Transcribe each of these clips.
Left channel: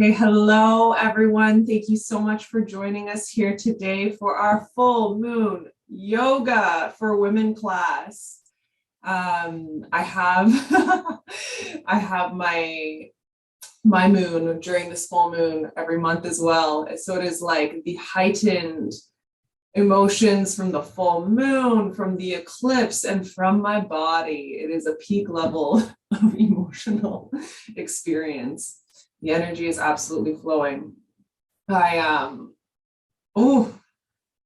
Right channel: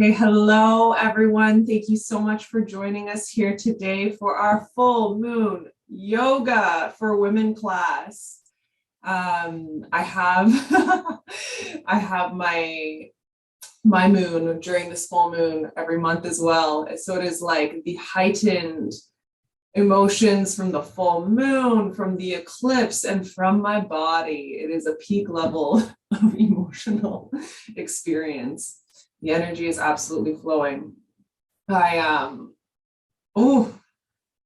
Hey, hello everyone. Thank you so much for joining us here today for our full moon yoga for women class. I have I have my moon during this full moon every month as well. So it is like the heightened emotions from the full moon, from the eclipse, and from my body. It is a peak level of emotional experience. The energy is absolutely flowing. I oh,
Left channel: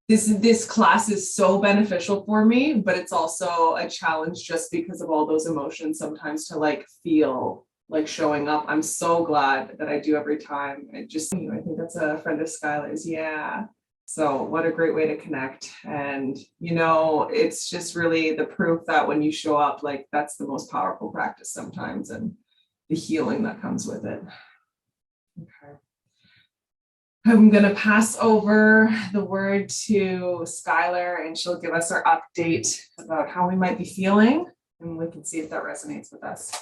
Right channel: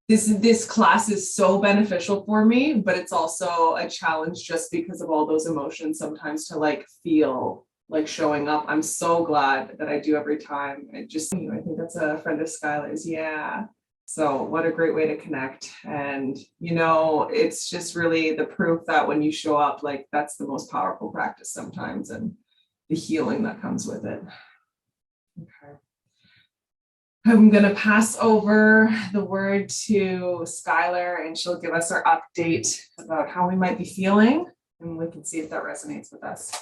this class is so beneficial for me, but it's also a challenge just because of all those emotions sometimes to like feel like showing up. I'm so glad that I do every time. I think that's a friend of Skylar's. Yeah. So what a great way to connect. And it's just really the proof that when you show up, like that's the most powerful practice sometimes, and the healing that comes with it. Okay. I'm going to pass over the word to Skylar, and she'll give us our update about how we might be feeling, and we can see if that resonates with us.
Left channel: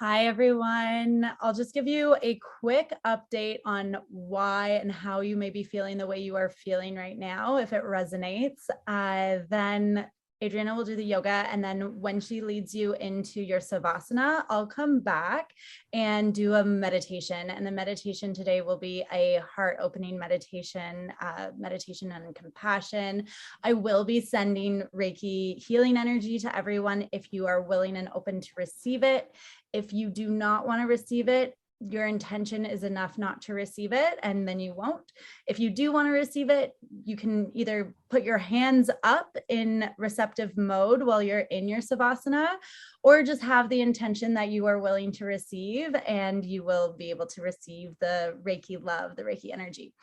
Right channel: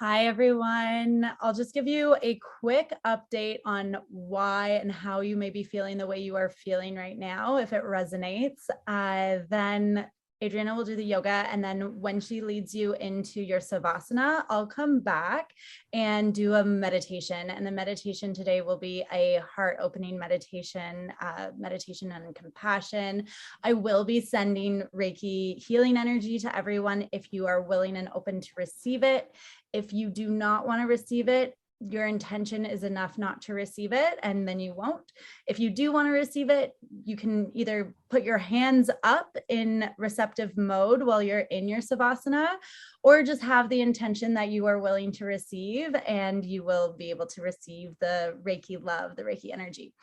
Hi, everyone. I'll just give you a quick update on why and how you may be feeling the way you are feeling right now, if it resonates. Then Adriana will do the yoga, and then when she leads you into your Savasana, I'll come back and do a meditation. And the meditation today will be a heart-opening meditation, meditation on compassion. I will be sending Reiki healing energy to everyone if you are willing and open to receive it. If you do not want to receive it, your intention is enough not to receive it, and then you won't. If you do want to receive it, you can either put your hands up in receptive mode while you're in your Savasana, or just have the intention that you are willing to receive, and you will be able to receive the Reiki love, the Reiki energy.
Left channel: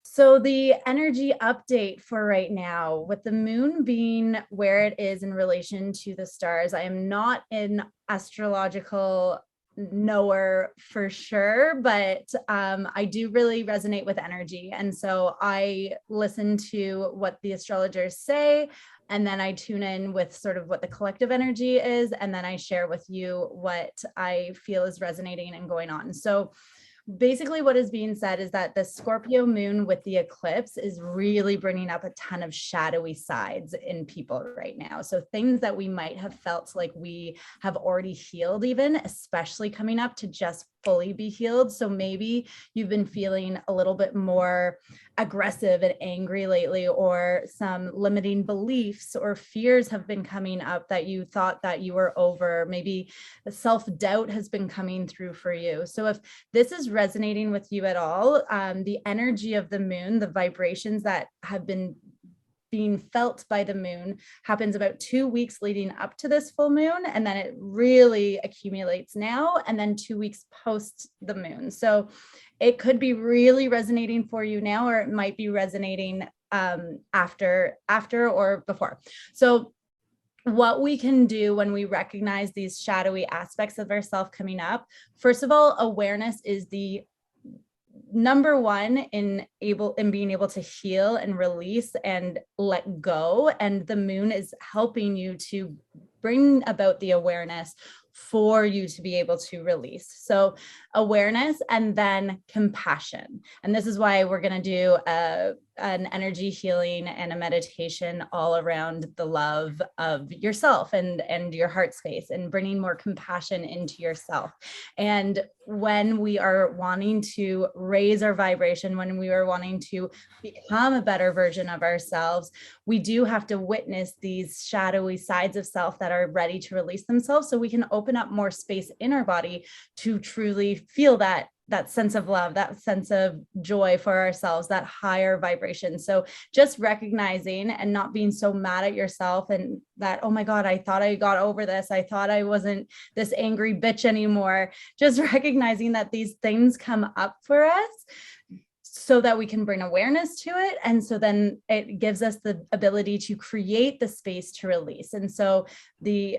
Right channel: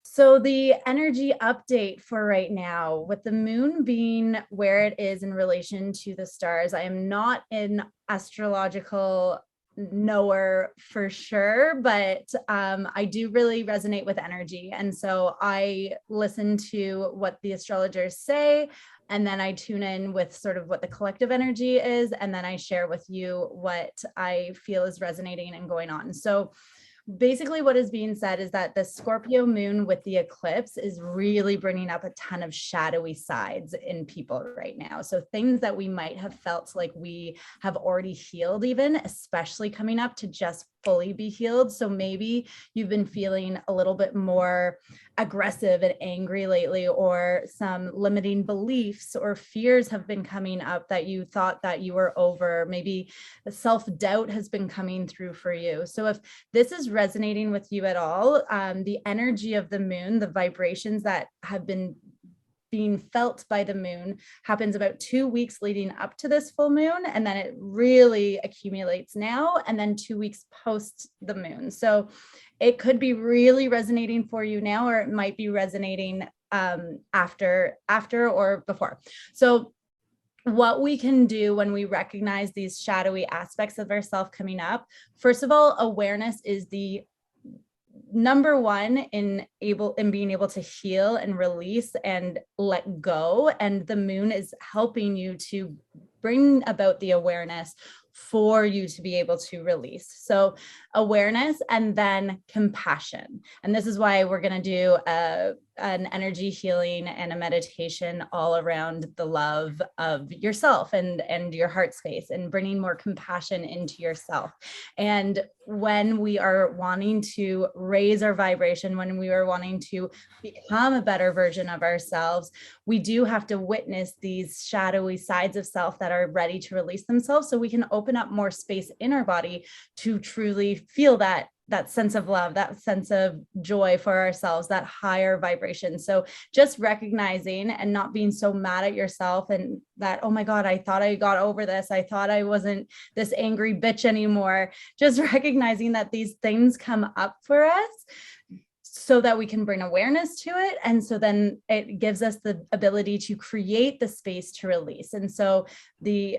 So the energy update for right now, with the moon being where it is in relation to the stars, I am not an astrological knower for sure, but I do really resonate with energy. And so I listen to what the astrologers say, and then I tune in with sort of what the collective energy is, and then I share with you what I feel is resonating and going on. So basically what is being said is that the Scorpio moon with the eclipse is really bringing up a ton of shadowy sides in people right now. So things that we might have felt like we have already healed, even, especially coming up to just fully be healed. So maybe you've been feeling a little bit more aggressive and angry lately, or some limiting beliefs or fears have been coming up that you thought that you were over. Maybe the self-doubt has been coming through for you. So if this is resonating with you at all, the energy of the moon, the vibrations that have been being felt by the moon, happens about 2 weeks leading up to this full moon, and then it really accumulates now, and then 2 weeks post the moon. So it could be really resonating for you now, or it might be resonating after or before. So what we can do when we recognize these shadowy aspects of ourselves coming up, first of all, awareness is the number one in being able to heal and release and let go. And the moon is helping you to bring about the awareness for you to be able to release. So awareness, and then compassion. And this is why we're going to do an energy healing and a meditation all around the love of yourself and your heart space, and bringing more compassion into yourself. And when we are wanting to raise our vibration, when we are wanting to become a better version of ourselves, we do have to witness these shadowy sides of self that are ready to release themselves, so we can open up more space in our body to truly feel that sense of love, that sense of joy for ourselves, that higher vibration. So just recognizing and not being so mad at yourself, and that, oh my God, I thought I got over this. I thought I wasn't this angry bitch anymore. Just recognizing that these things come up for us, so that we can bring awareness to it. And so then it gives us the ability to create the space to release. And so the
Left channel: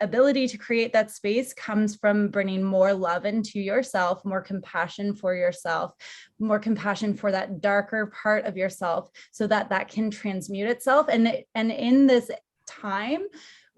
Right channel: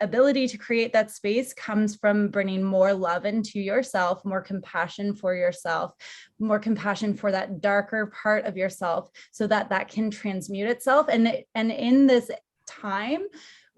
ability to create that space comes from bringing more love into yourself, more compassion for yourself, more compassion for that darker part of yourself, so that that can transmute itself. And in this time,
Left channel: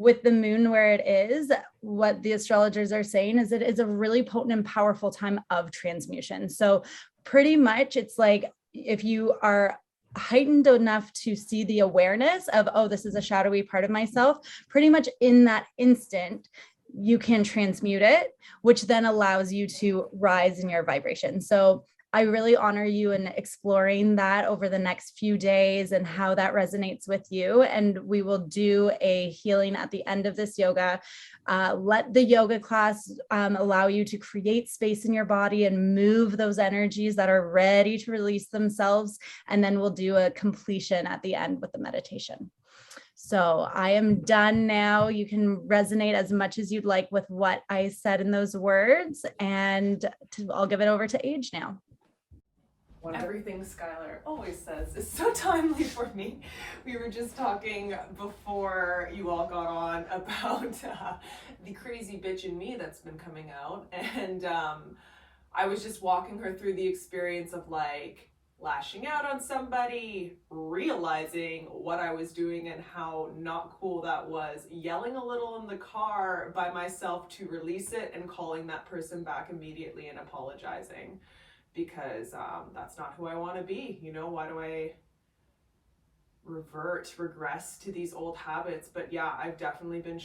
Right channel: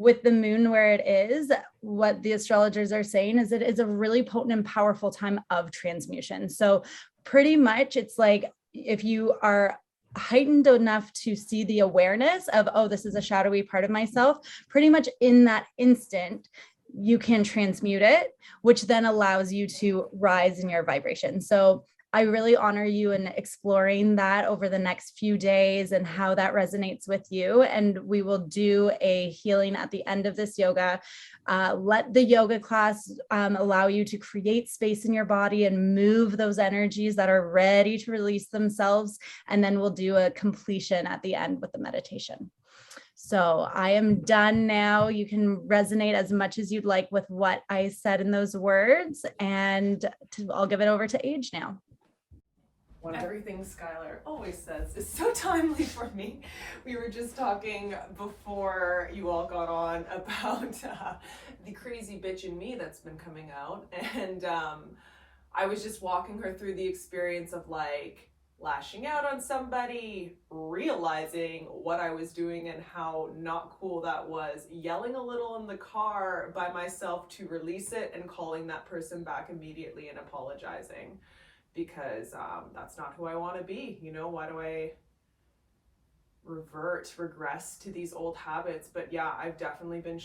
with the moon where it is, what the astrologers are saying is it is a really potent and powerful time of transmutation. So pretty much it's like if you are heightened enough to see the awareness of, oh, this is a shadowy part of myself, pretty much in that instant, you can transmute it, which then allows you to rise in your vibration. So I really honor you in exploring that over the next few days and how that resonates with you. And we will do a healing at the end of this yoga. Let the yoga class allow you to create space in your body and move those energies that are ready to release themselves. And then we'll do a completion at the end with the meditation. So I am done now. You can resonate as much as you'd like with what I said in those words. And I'll give it over to Age now. Everything Skylar always says is so timely for me. We were just talking before you all got on about the crazy bitch in me that's been coming out. And I was just walking her through the experience of like lashing out on somebody, realizing what I was doing and how not cool that was, yelling a little in the car by myself to release it, and calling that person back immediately and apologizing. Because that's not who I want to be. You know, why do I regress to these old habits? But yeah, I've definitely been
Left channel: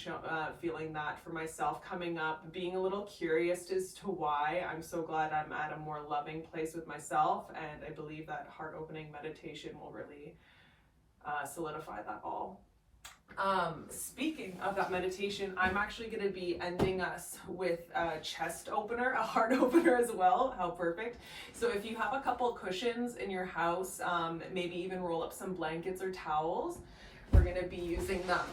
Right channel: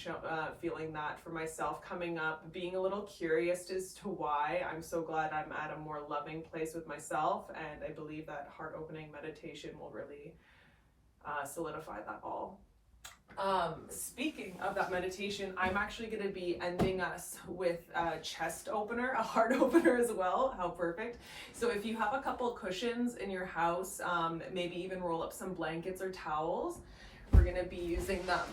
feeling that for myself coming up, being a little curious as to why. I'm so glad I'm at a more loving place with myself, and I believe that heart opening meditation will really solidify that all. Speaking of that meditation, I'm actually going to be ending us with a chest opener, a heart opener as well. How perfect. So if you have a couple cushions in your house, maybe even roll up some blankets or towels, we're going to be using them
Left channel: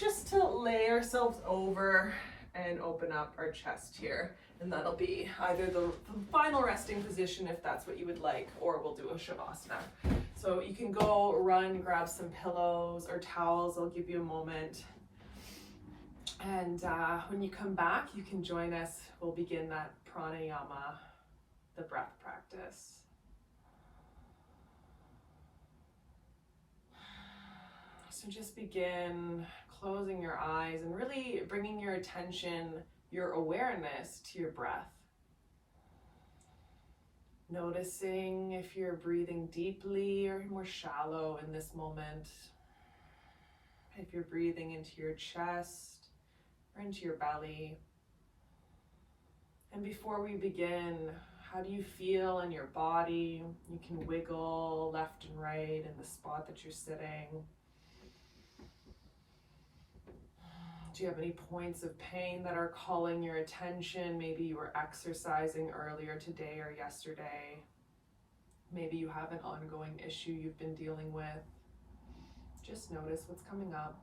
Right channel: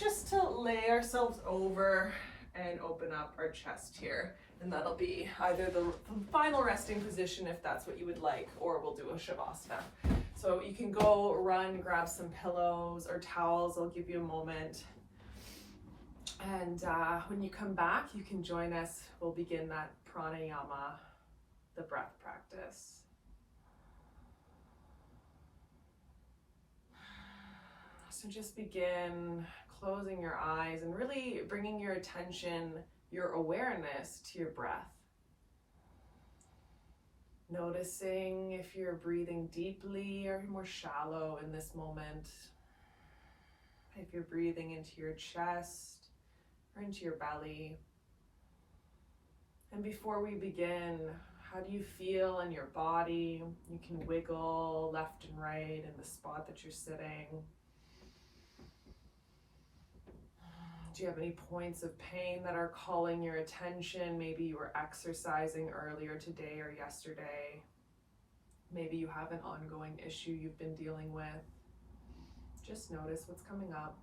just to lay ourselves over and open up our chest here. And that'll be either the final resting position if that's what you would like, or we'll do a shavasana. So you can go run, grab some pillows or towels. I'll give you a moment. And when you come back, you can join us. We'll begin that pranayama, the breath practice. So just begin closing your eyes and really bringing your attention, your awareness to your breath. Noticing if you're breathing deeply or more shallow in this moment. If you're breathing into your chest or into your belly. And before we begin, how do you feel in your body? You can wiggle left and right in the spot that you're sitting. Do you have any points of pain that are calling your attention? Maybe you were exercising earlier today or yesterday. Maybe you have an ongoing issue you've been dealing with. Just notice what's coming up.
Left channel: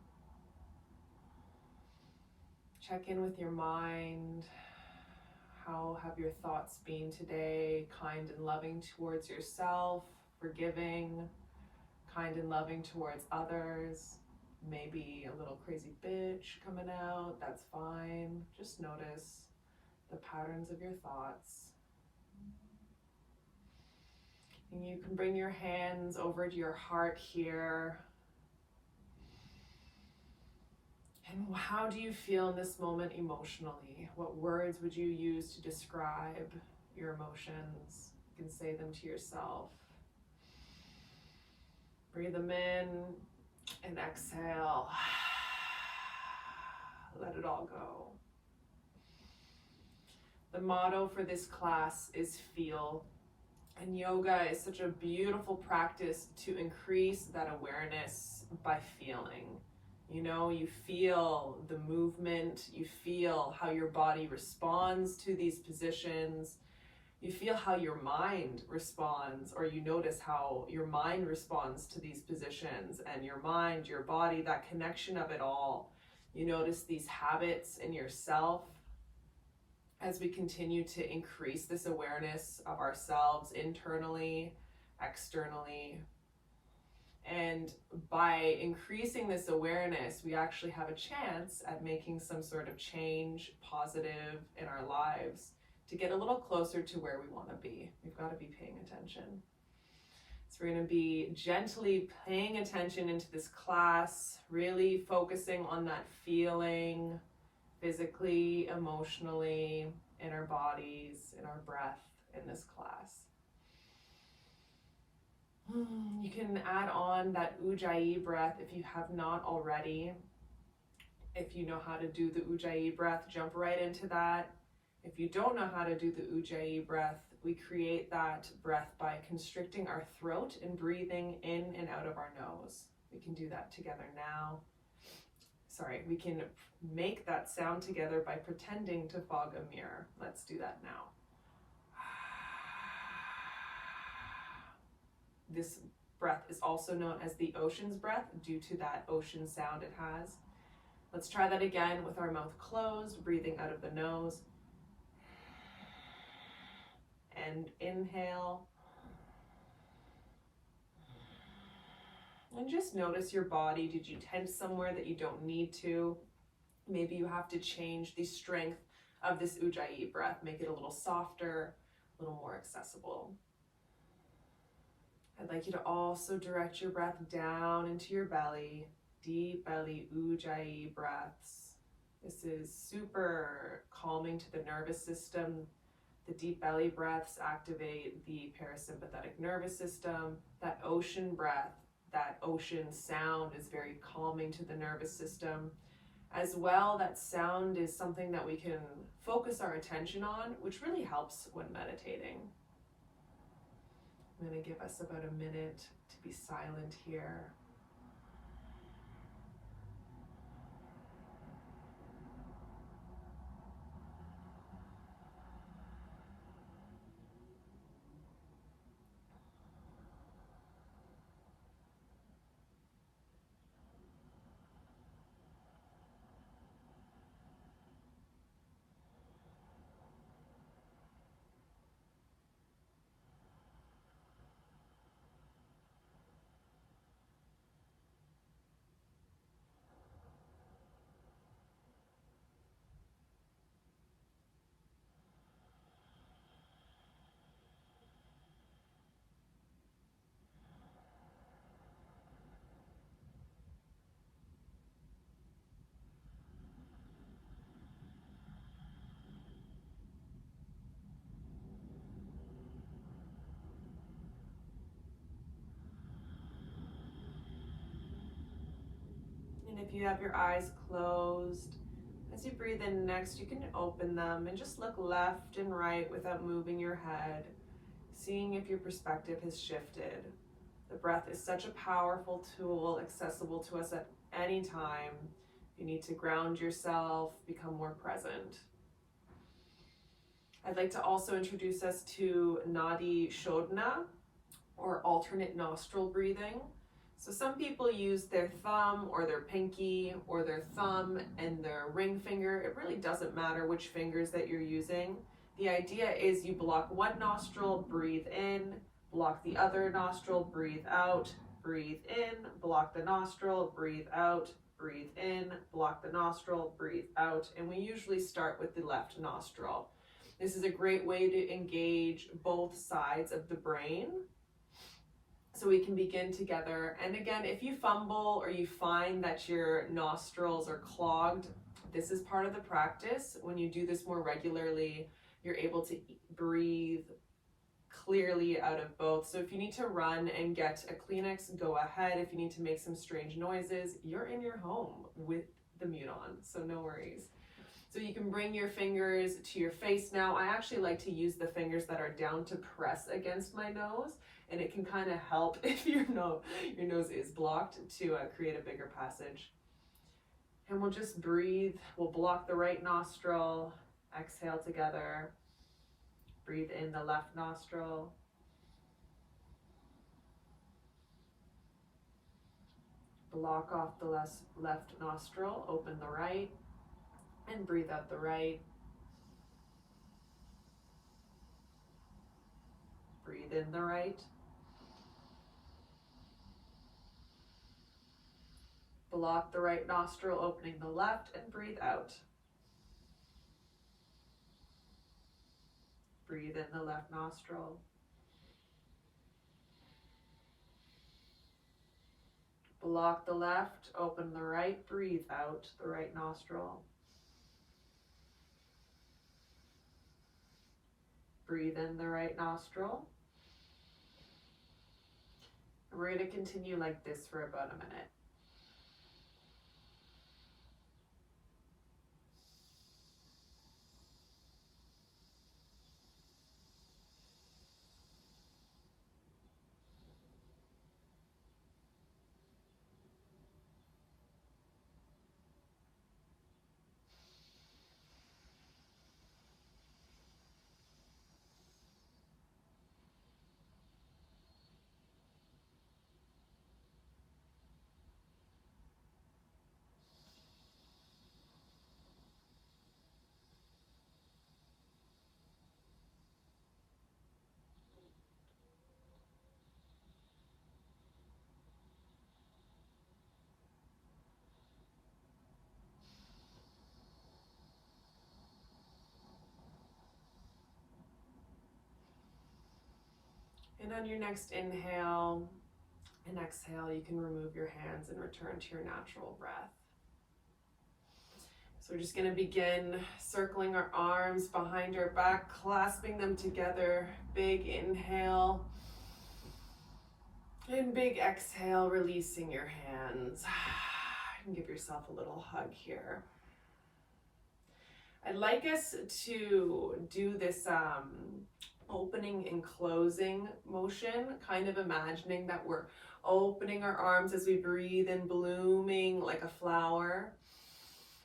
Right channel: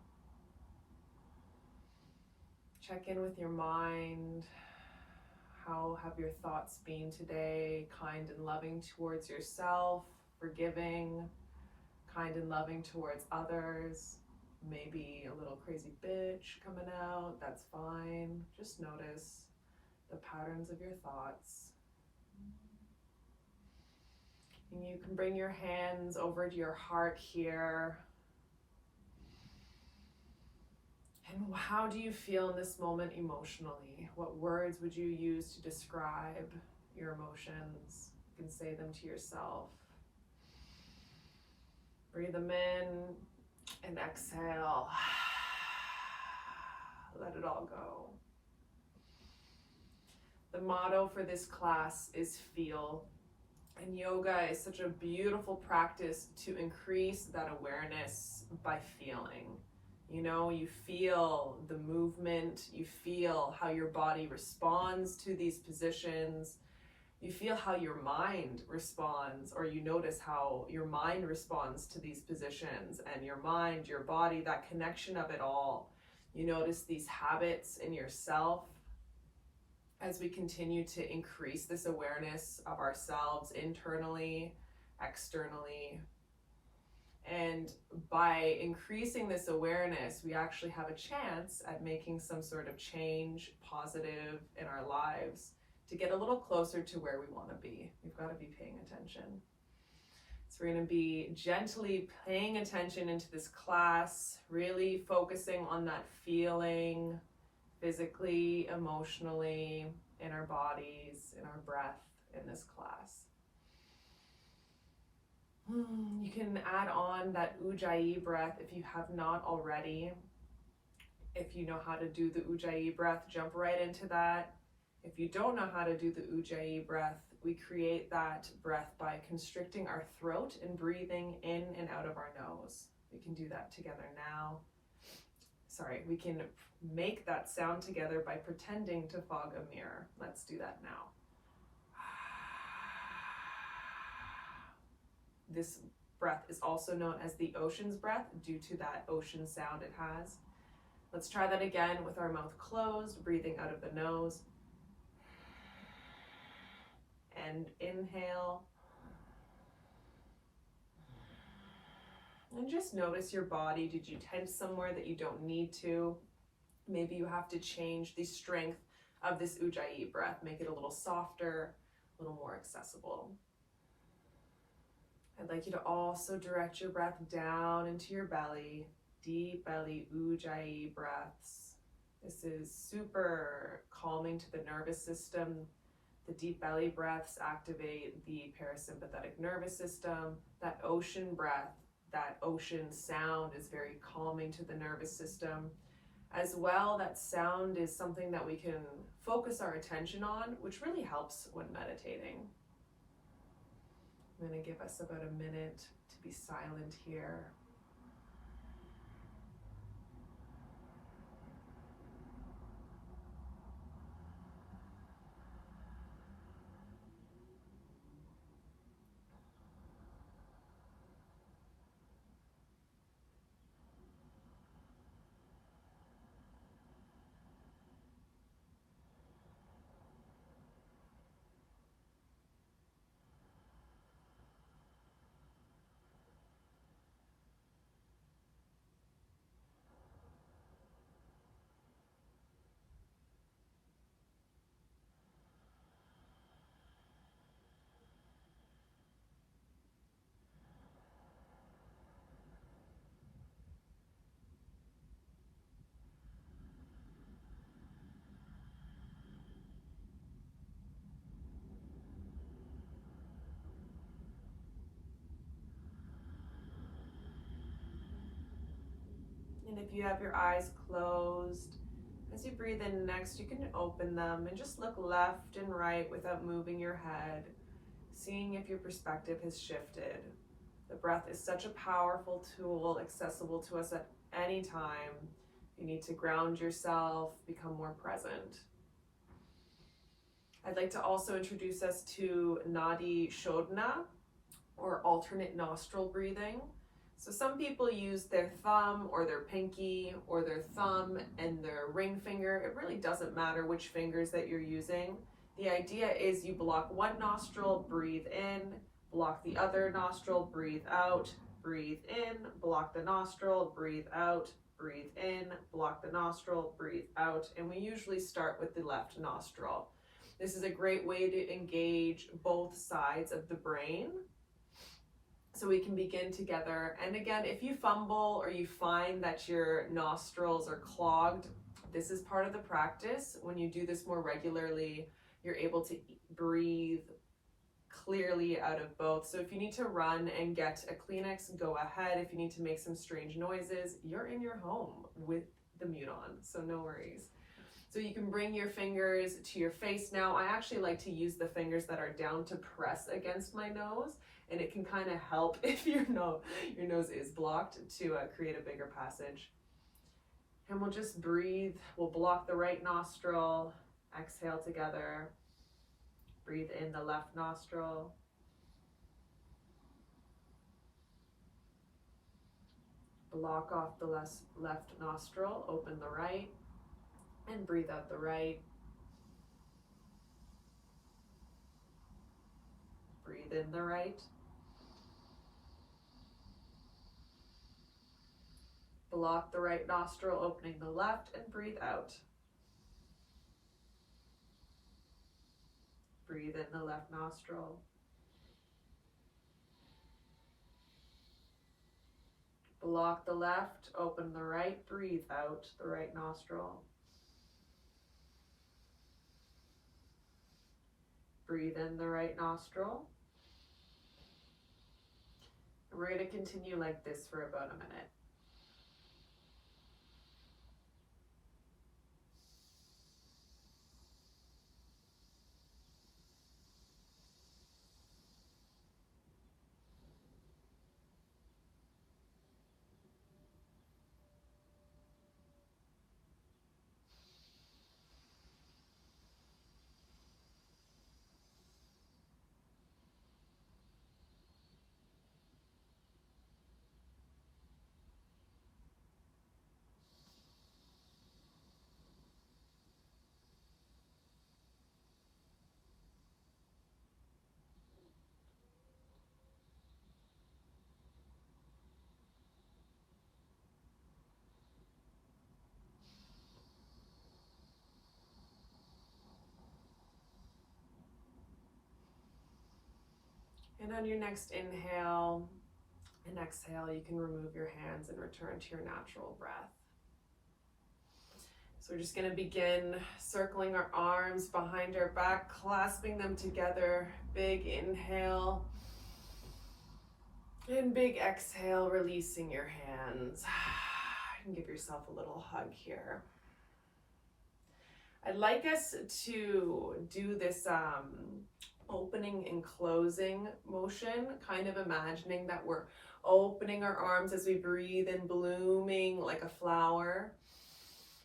Check in with your mind. How have your thoughts been today? Kind and loving towards yourself, forgiving, kind and loving towards others. Maybe a little crazy bitch coming out, that's fine. Just notice the patterns of your thoughts. And you can bring your hands over to your heart here. And how do you feel in this moment emotionally? What words would you use to describe your emotions? You can say them to yourself. Breathe them in. And exhale, let it all go. The motto for this class is feel. And yoga is such a beautiful practice to increase that awareness by feeling. You know, you feel the movement, you feel how your body responds to these positions. You feel how your mind responds, or you notice how your mind responds to these positions, and your mind, your body, that connection of it all. You notice these habits in yourself as we continue to increase this awareness of ourselves internally, externally. And by increasing this awareness, we actually have a chance at making some sort of change, positive in our lives, to get a little closer to where we want to be. We've got to be paying attention. It's So we're going to be gently paying attention into this class, really focusing on that feeling physically, emotionally, in our bodies, in our breath in this class. You can add on that Ujjayi breath if you have not already. If you know how to do the Ujjayi breath, jump right into that. If you don't know how to do the Ujjayi breath, we create that breath by constricting our throat and breathing in and out of our nose. We can do that together now. Sorry, we can make that sound together by pretending to fog a mirror. Let's do that now. This breath is also known as the ocean's breath due to that ocean sound it has. Let's try that again with our mouth closed, breathing out of the nose. And inhale. And just notice your body. Did you tense somewhere that you don't need to? Maybe you have to change the strength of this Ujjayi breath, make it a little softer, a little more accessible. I'd like you to also direct your breath down into your belly, deep belly Ujjayi breaths. This is super calming to the nervous system. The deep belly breaths activate the parasympathetic nervous system. That ocean breath, that ocean sound is very calming to the nervous system. As well, that sound is something that we can focus our attention on, which really helps when meditating. I'm going to give us about a minute to be silent here. And if you have your eyes closed, as you breathe in next, you can open them and just look left and right without moving your head, seeing if your perspective has shifted. The breath is such a powerful tool, accessible to us at any time. You need to ground yourself, become more present. I'd like to also introduce us to Nadi Shodhana, or alternate nostril breathing. So some people use their thumb or their pinky or their thumb and their ring finger. It really doesn't matter which fingers that you're using. The idea is you block one nostril, breathe in, block the other nostril, breathe out, breathe in, block the nostril, breathe out, breathe in, block the nostril, breathe out. And we usually start with the left nostril. This is a great way to engage both sides of the brain, so we can begin together. And again, if you fumble or you find that your nostrils are clogged, this is part of the practice. When you do this more regularly, you're able to breathe clearly out of both. So if you need to run and get a Kleenex, go ahead. If you need to make some strange noises, you're in your home with the mute on, so no worries. So you can bring your fingers to your face now. I actually like to use the fingers that are down to press against my nose, and it can kind of help if your nose is blocked to create a bigger passage. And we'll just breathe. We'll block the right nostril, exhale together. Breathe in the left nostril. Block off the left nostril, open the right, and breathe out the right. Breathe in the right. Block the right nostril, opening the left, and breathe out. Breathe in the left nostril. Block the left, open the right, breathe out the right nostril. Breathe in the right nostril. And we're going to continue like this for about a minute. And on your next inhale and exhale, you can remove your hands and return to your natural breath. So we're just going to begin circling our arms behind our back, clasping them together. Big inhale. And big exhale, releasing your hands. And give yourself a little hug here. I'd like us to do this opening and closing motion, kind of imagining that we're opening our arms as we breathe and blooming like a flower.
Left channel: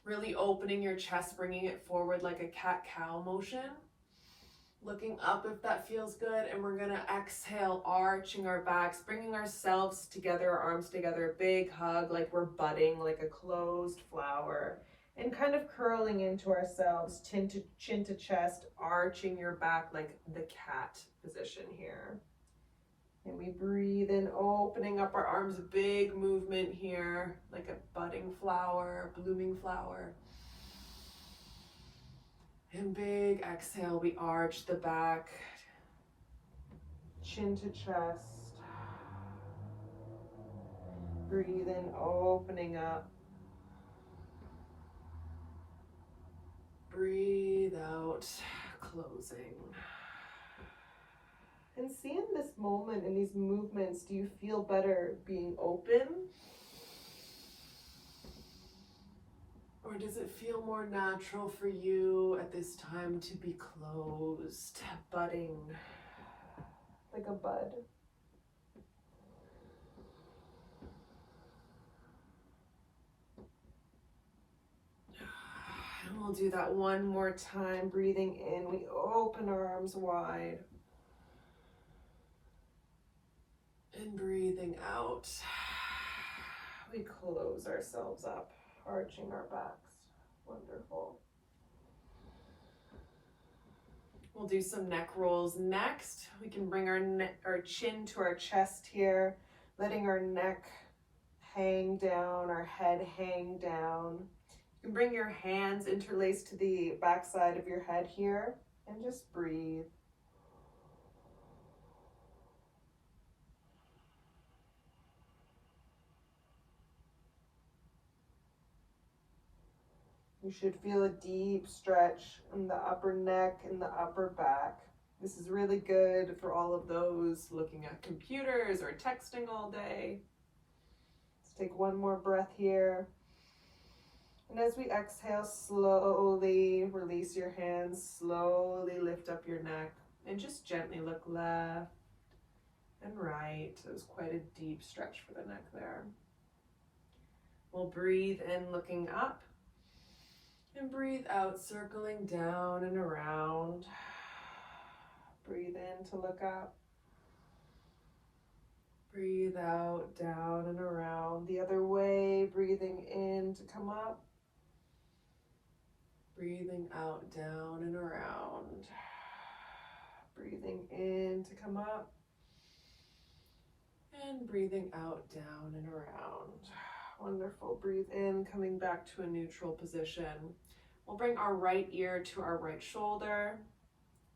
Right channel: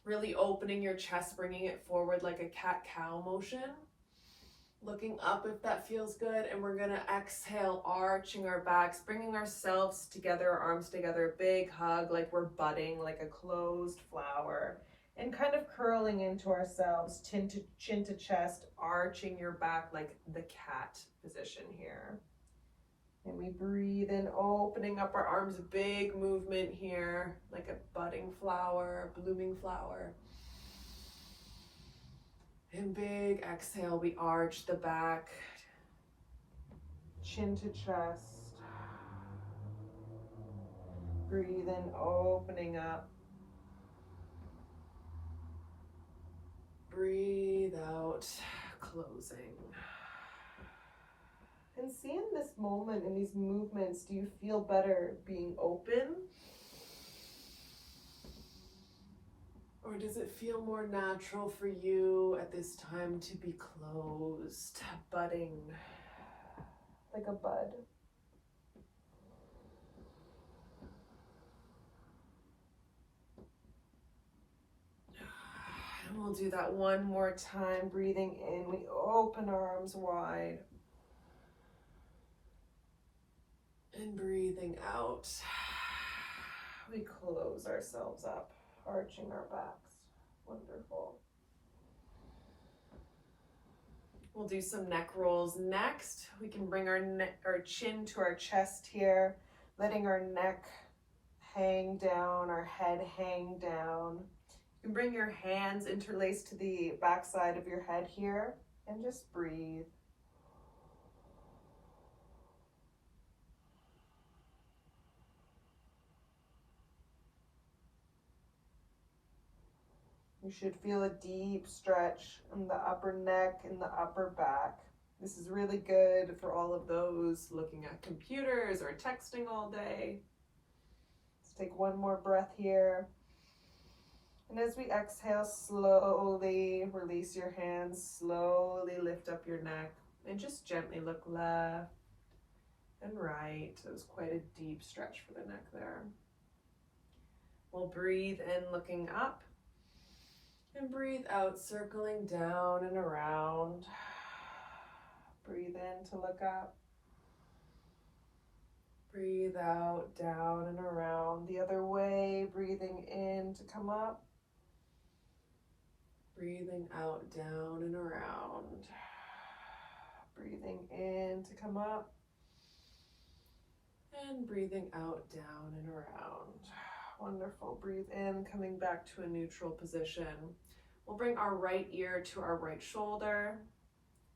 Really opening your chest, bringing it forward like a cat-cow motion. Looking up if that feels good, and we're gonna exhale, arching our backs, bringing ourselves together, our arms together, a big hug like we're budding, like a closed flower, and kind of curling into ourselves, chin to chest, arching your back like the cat position here. And we breathe in, opening up our arms, big movement here, like a budding flower, blooming flower. And big exhale, we arch the back, chin to chest. Breathe in, opening up. Breathe out, closing. And see in this moment, in these movements, do you feel better being open? Or does it feel more natural for you at this time to be closed, budding like a bud? And we'll do that one more time. Breathing in, we open our arms wide. And breathing out, we close ourselves up, arching our backs. Wonderful. We'll do some neck rolls next. We can bring our chin to our chest here, letting our neck hang down, our head hang down. You can bring your hands interlaced to the back side of your head here and just breathe. You should feel a deep stretch in the upper neck and the upper back. This is really good for all of those looking at computers or texting all day. Let's take one more breath here. And as we exhale, slowly release your hands, slowly lift up your neck, and just gently look left and right. It was quite a deep stretch for the neck there. We'll breathe in, looking up. And breathe out, circling down and around. Breathe in to look up. Breathe out, down and around. The other way, breathing in to come up. Breathing out, down and around. Breathing in to come up. And breathing out, down and around. Wonderful. Breathe in, coming back to a neutral position. We'll bring our right ear to our right shoulder.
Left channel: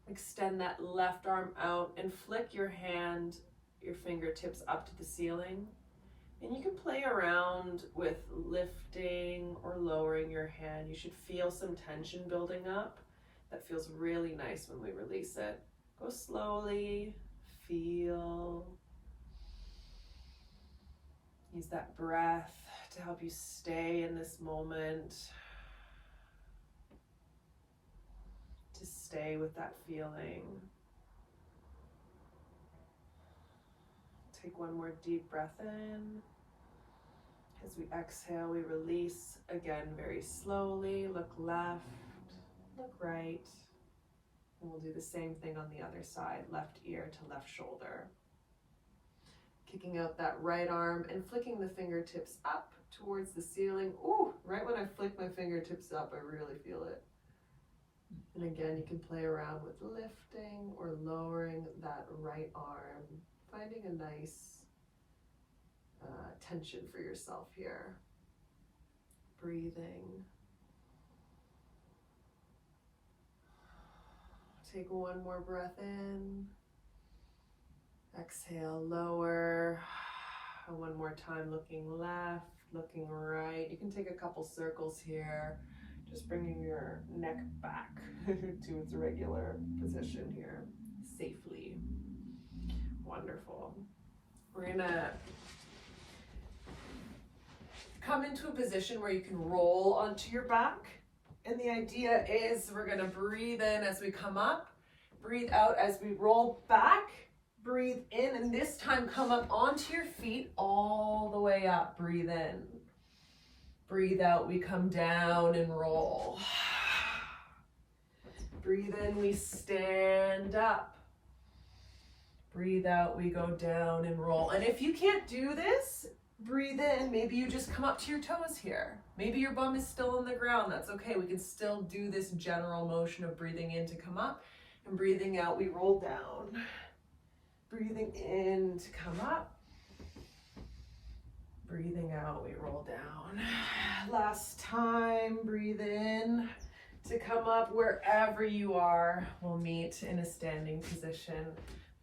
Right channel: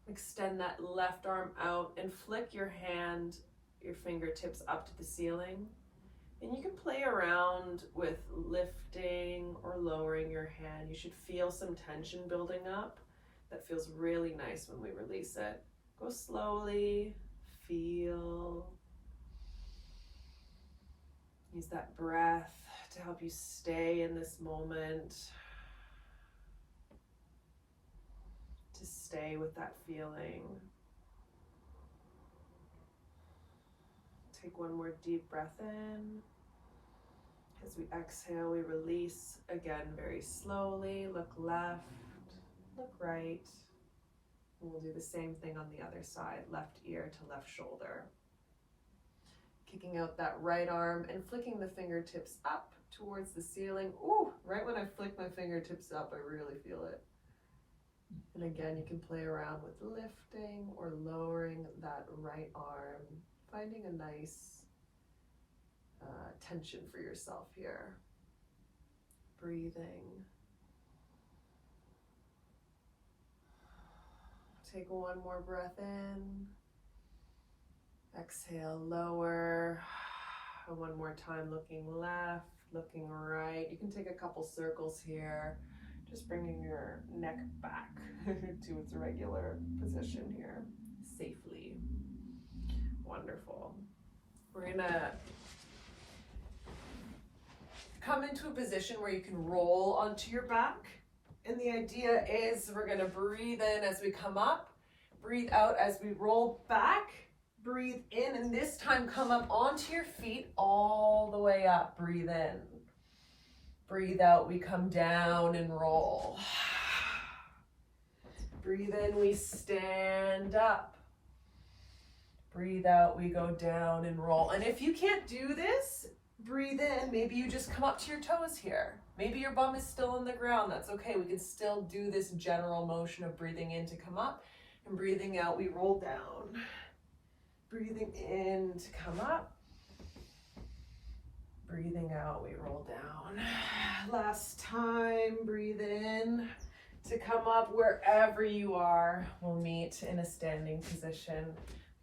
Extend that left arm out and flick your hand, your fingertips up to the ceiling. And you can play around with lifting or lowering your hand. You should feel some tension building up. That feels really nice when we release it. Go slowly, feel. Use that breath to help you stay in this moment, to stay with that feeling. Take one more deep breath in. As we exhale, we release again very slowly. Look left, look right. And we'll do the same thing on the other side, left ear to left shoulder. Kicking out that right arm and flicking the fingertips up towards the ceiling. Ooh, right when I flick my fingertips up, I really feel it. And again, you can play around with lifting or lowering that right arm, finding a nice tension for yourself here. Breathing. Take one more breath in. Exhale, lower. And one more time, looking left, looking right. You can take a couple circles here, just bringing your neck back to its regular position here, safely. Wonderful. We're gonna come into a position where you can roll onto your back. And the idea is we're gonna breathe in as we come up, breathe out as we roll back. Breathe in, and this time come up onto your feet all the way up. Breathe in. Breathe out, we come down and roll. Breathe in, we stand up. Breathe out, we go down and roll. And if you can't do this, breathe in. Maybe you just come up to your toes here. Maybe your bum is still on the ground. That's okay. We can still do this general motion of breathing in to come up, and breathing out, we roll down. Breathing in to come up. Breathing out, we roll down. Last time, breathe in to come up. Wherever you are, we'll meet in a standing position.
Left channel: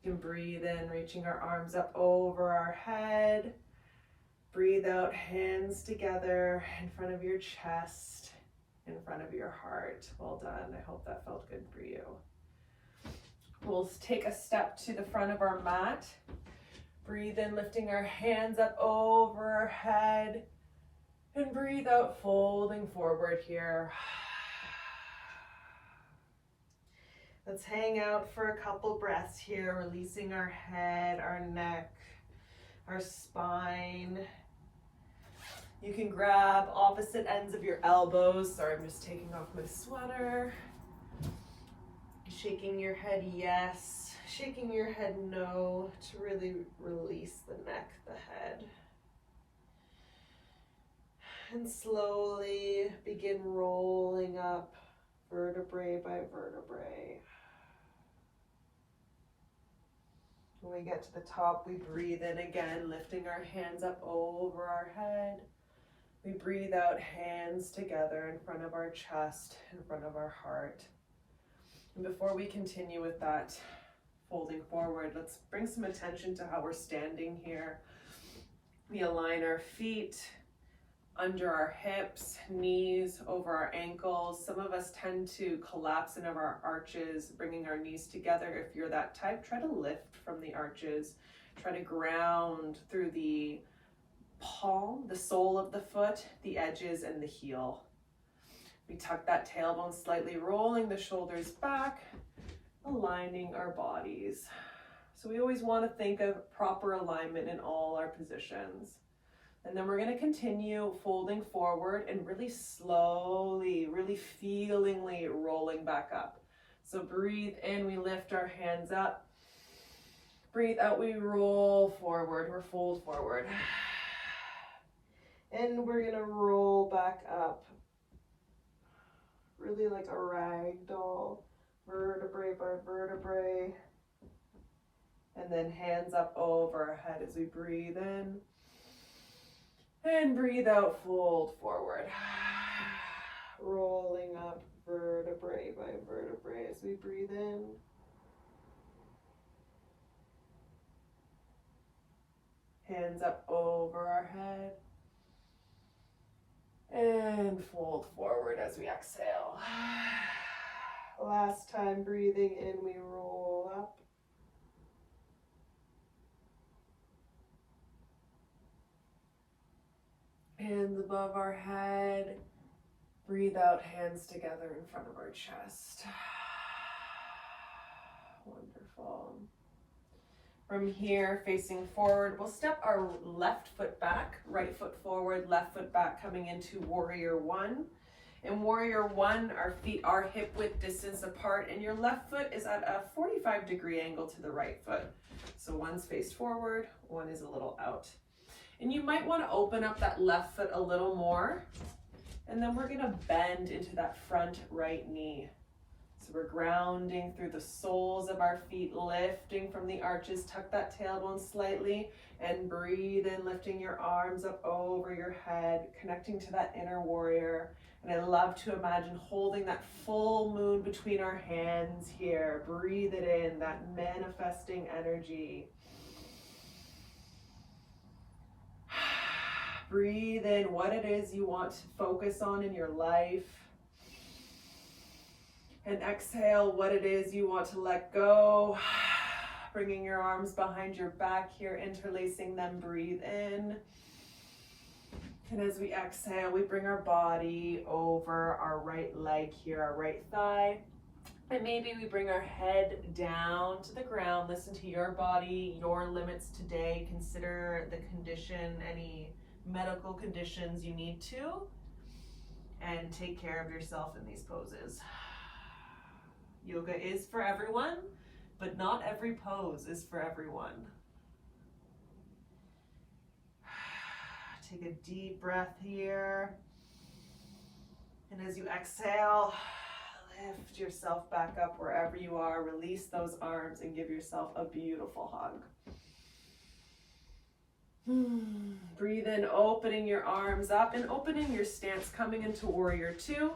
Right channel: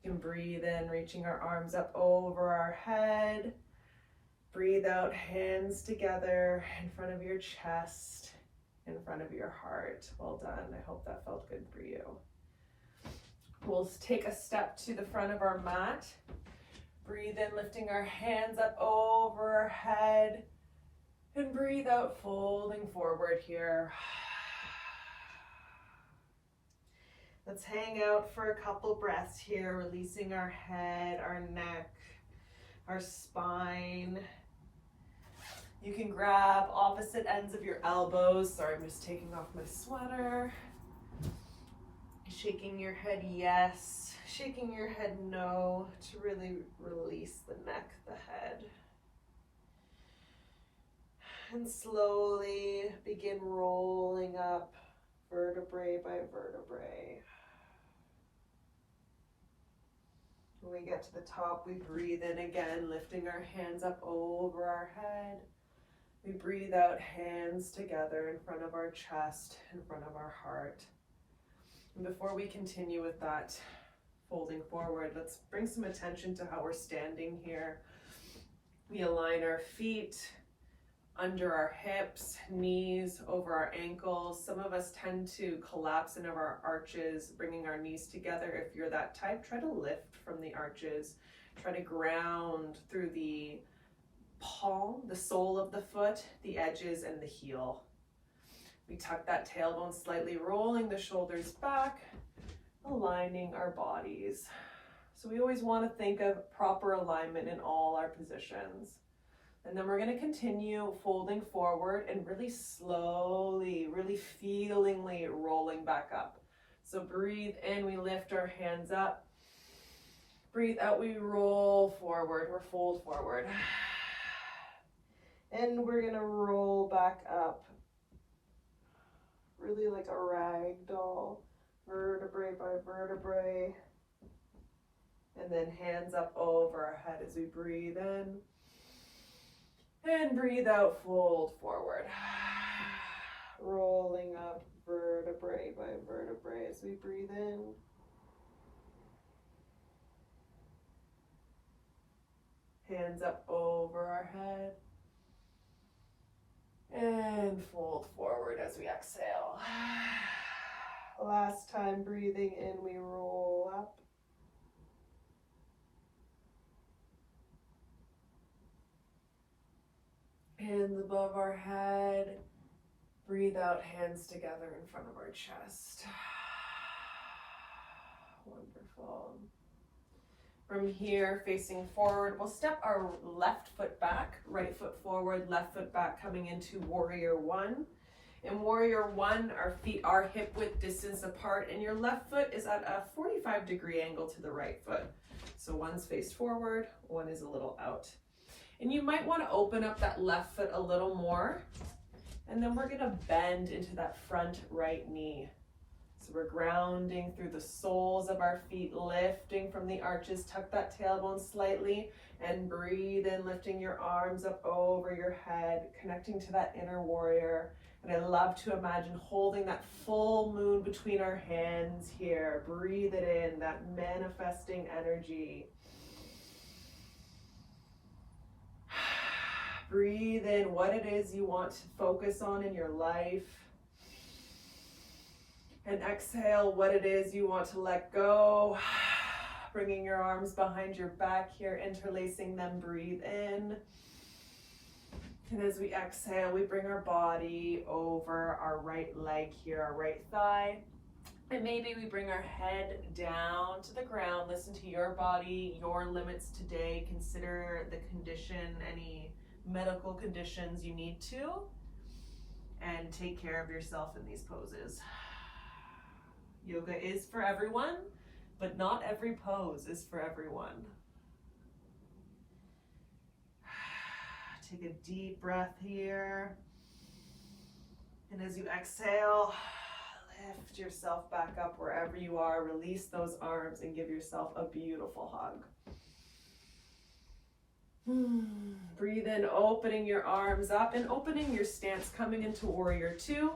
We can breathe in, reaching our arms up over our head. Breathe out, hands together in front of your chest, in front of your heart. Well done. I hope that felt good for you. We'll take a step to the front of our mat. Breathe in, lifting our hands up over our head. And breathe out, folding forward here. Let's hang out for a couple breaths here, releasing our head, our neck, our spine. You can grab opposite ends of your elbows. Sorry, I'm just taking off my sweater. Shaking your head yes, shaking your head no, to really release the neck, the head. And slowly begin rolling up vertebrae by vertebrae. When we get to the top, we breathe in again, lifting our hands up over our head. We breathe out, hands together in front of our chest, in front of our heart. And before we continue with that folding forward, let's bring some attention to how we're standing here. We align our feet under our hips, knees over our ankles. Some of us tend to collapse into our arches, bringing our knees together. If you're that type, try to lift from the arches. Try to ground through the palm, the sole of the foot, the edges, and the heel. We tuck that tailbone slightly, rolling the shoulders back, aligning our bodies. So we always want to think of proper alignment in all our positions. And then we're going to continue folding forward and really slowly, really feelingly rolling back up. So breathe in, we lift our hands up. Breathe out, we roll forward, or fold forward. And we're going to roll back up. Really like a rag doll, vertebrae by vertebrae. And then hands up over our head as we breathe in. And breathe out, fold forward. Rolling up vertebrae by vertebrae as we breathe in. Hands hands up over our head. And fold forward as we exhale. Last time, breathing in, we roll up. Hands above our head. Breathe out, hands together in front of our chest. Wonderful. From here, facing forward, we'll step our left foot back, right foot forward, left foot back, coming into warrior one. In warrior one, our feet are hip width distance apart, and your left foot is at a 45-degree angle to the right foot. So one's faced forward, one is a little out. And you might want to open up that left foot a little more, and then we're going to bend into that front right knee. So we're grounding through the soles of our feet, lifting from the arches, tuck that tailbone slightly, and breathe in, lifting your arms up over your head, connecting to that inner warrior. And I love to imagine holding that full moon between our hands here. Breathe it in, that manifesting energy. Breathe in what it is you want to focus on in your life. And exhale what it is you want to let go. Bringing your arms behind your back here, interlacing them, breathe in. And as we exhale, we bring our body over our right leg here, our right thigh. And maybe we bring our head down to the ground. Listen to your body, your limits today. Consider the condition, any medical conditions you need to. And take care of yourself in these poses. Yoga is for everyone, but not every pose is for everyone. Take a deep breath here. And as you exhale, lift yourself back up wherever you are. Release those arms and give yourself a beautiful hug. Breathe in, opening your arms up and opening your stance, coming into warrior two.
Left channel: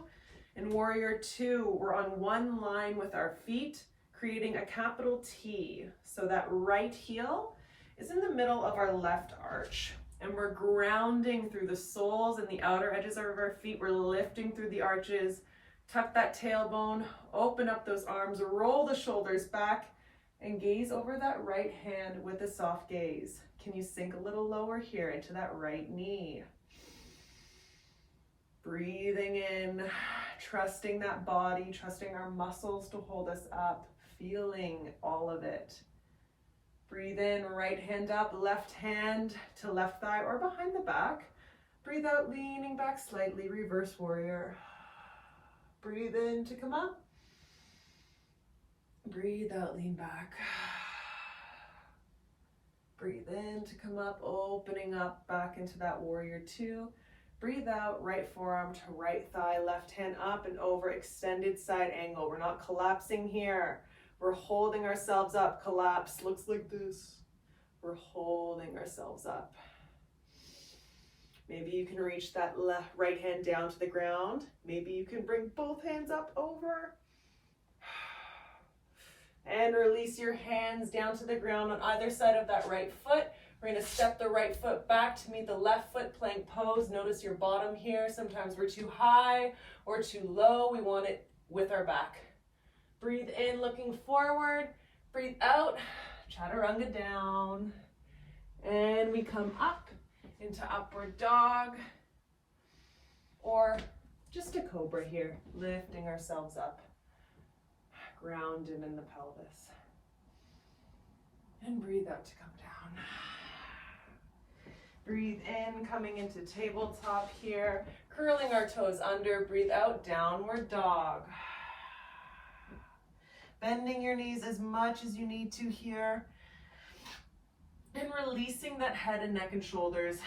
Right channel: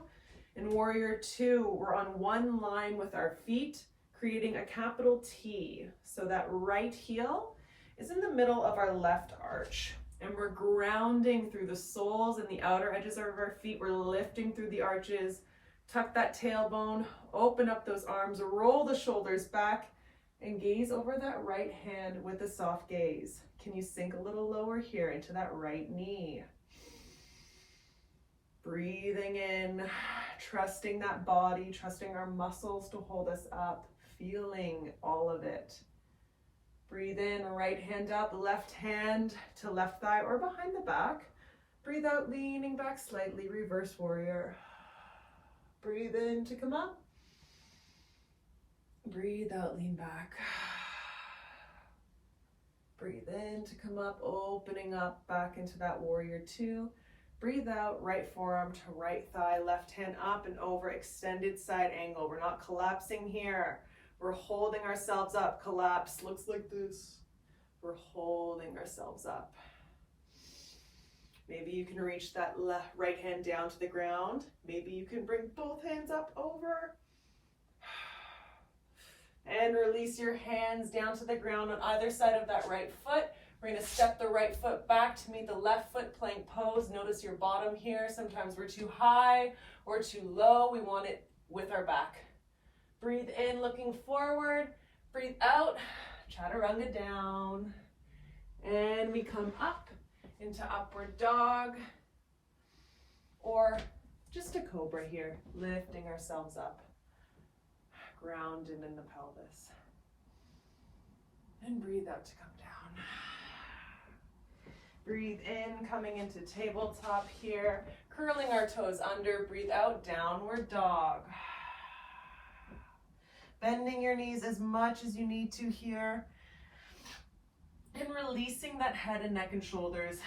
In warrior two, we're on one line with our feet, creating a capital T. So that right heel is in the middle of our left arch. And we're grounding through the soles and the outer edges of our feet. We're lifting through the arches. Tuck that tailbone, open up those arms, roll the shoulders back, and gaze over that right hand with a soft gaze. Can you sink a little lower here into that right knee? Breathing in, trusting that body, trusting our muscles to hold us up, feeling all of it. Breathe in, right hand up, left hand to left thigh or behind the back. Breathe out, leaning back slightly, reverse warrior. Breathe in to come up. Breathe out, lean back. Breathe in to come up, opening up back into that warrior two. Breathe out, right forearm to right thigh, left hand up and over, extended side angle. We're not collapsing here. We're holding ourselves up. Collapse looks like this. We're holding ourselves up. Maybe you can reach that left right hand down to the ground. Maybe you can bring both hands up over. And release your hands down to the ground on either side of that right foot. We're going to step the right foot back to meet the left foot, plank pose. Notice your bottom here. Sometimes we're too high or too low. We want it with our back. Breathe in, looking forward. Breathe out, chaturanga down. And we come up into upward dog. Or just a cobra here, lifting ourselves up. Grounded in the pelvis. And breathe out to come down. Breathe in, coming into tabletop here. Curling our toes under. Breathe out, downward dog. Bending your knees as much as you need to here. And releasing that head and neck and shoulders.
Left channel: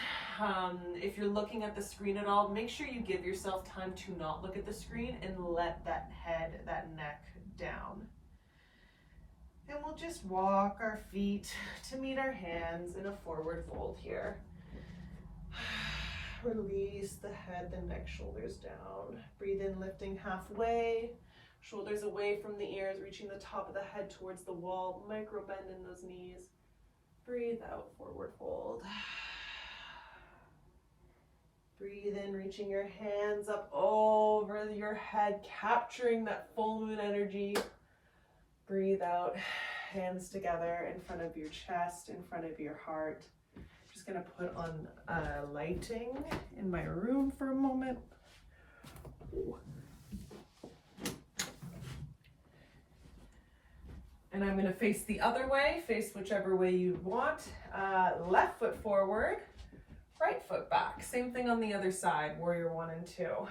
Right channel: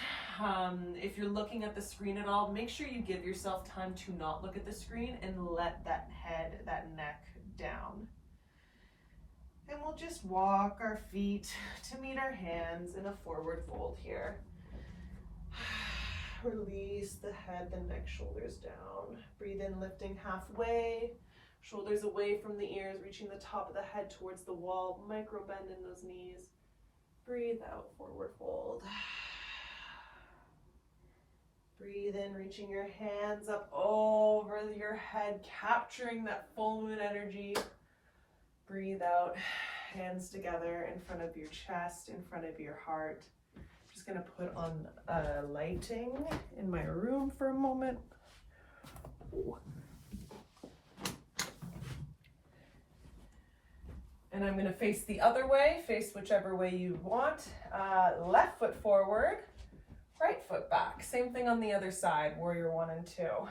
If you're looking at the screen at all, make sure you give yourself time to not look at the screen and let that head, that neck down. And we'll just walk our feet to meet our hands in a forward fold here. Release the head, the neck, shoulders down. Breathe in, lifting halfway. Shoulders away from the ears, reaching the top of the head towards the wall. Micro bend in those knees. Breathe out, forward fold. Breathe in, reaching your hands up over your head, capturing that full moon energy. Breathe out, hands together in front of your chest, in front of your heart. Just gonna put on lighting in my room for a moment. And I'm gonna face the other way, face whichever way you want. Left foot forward, right foot back. Same thing on the other side, warrior 1 and 2.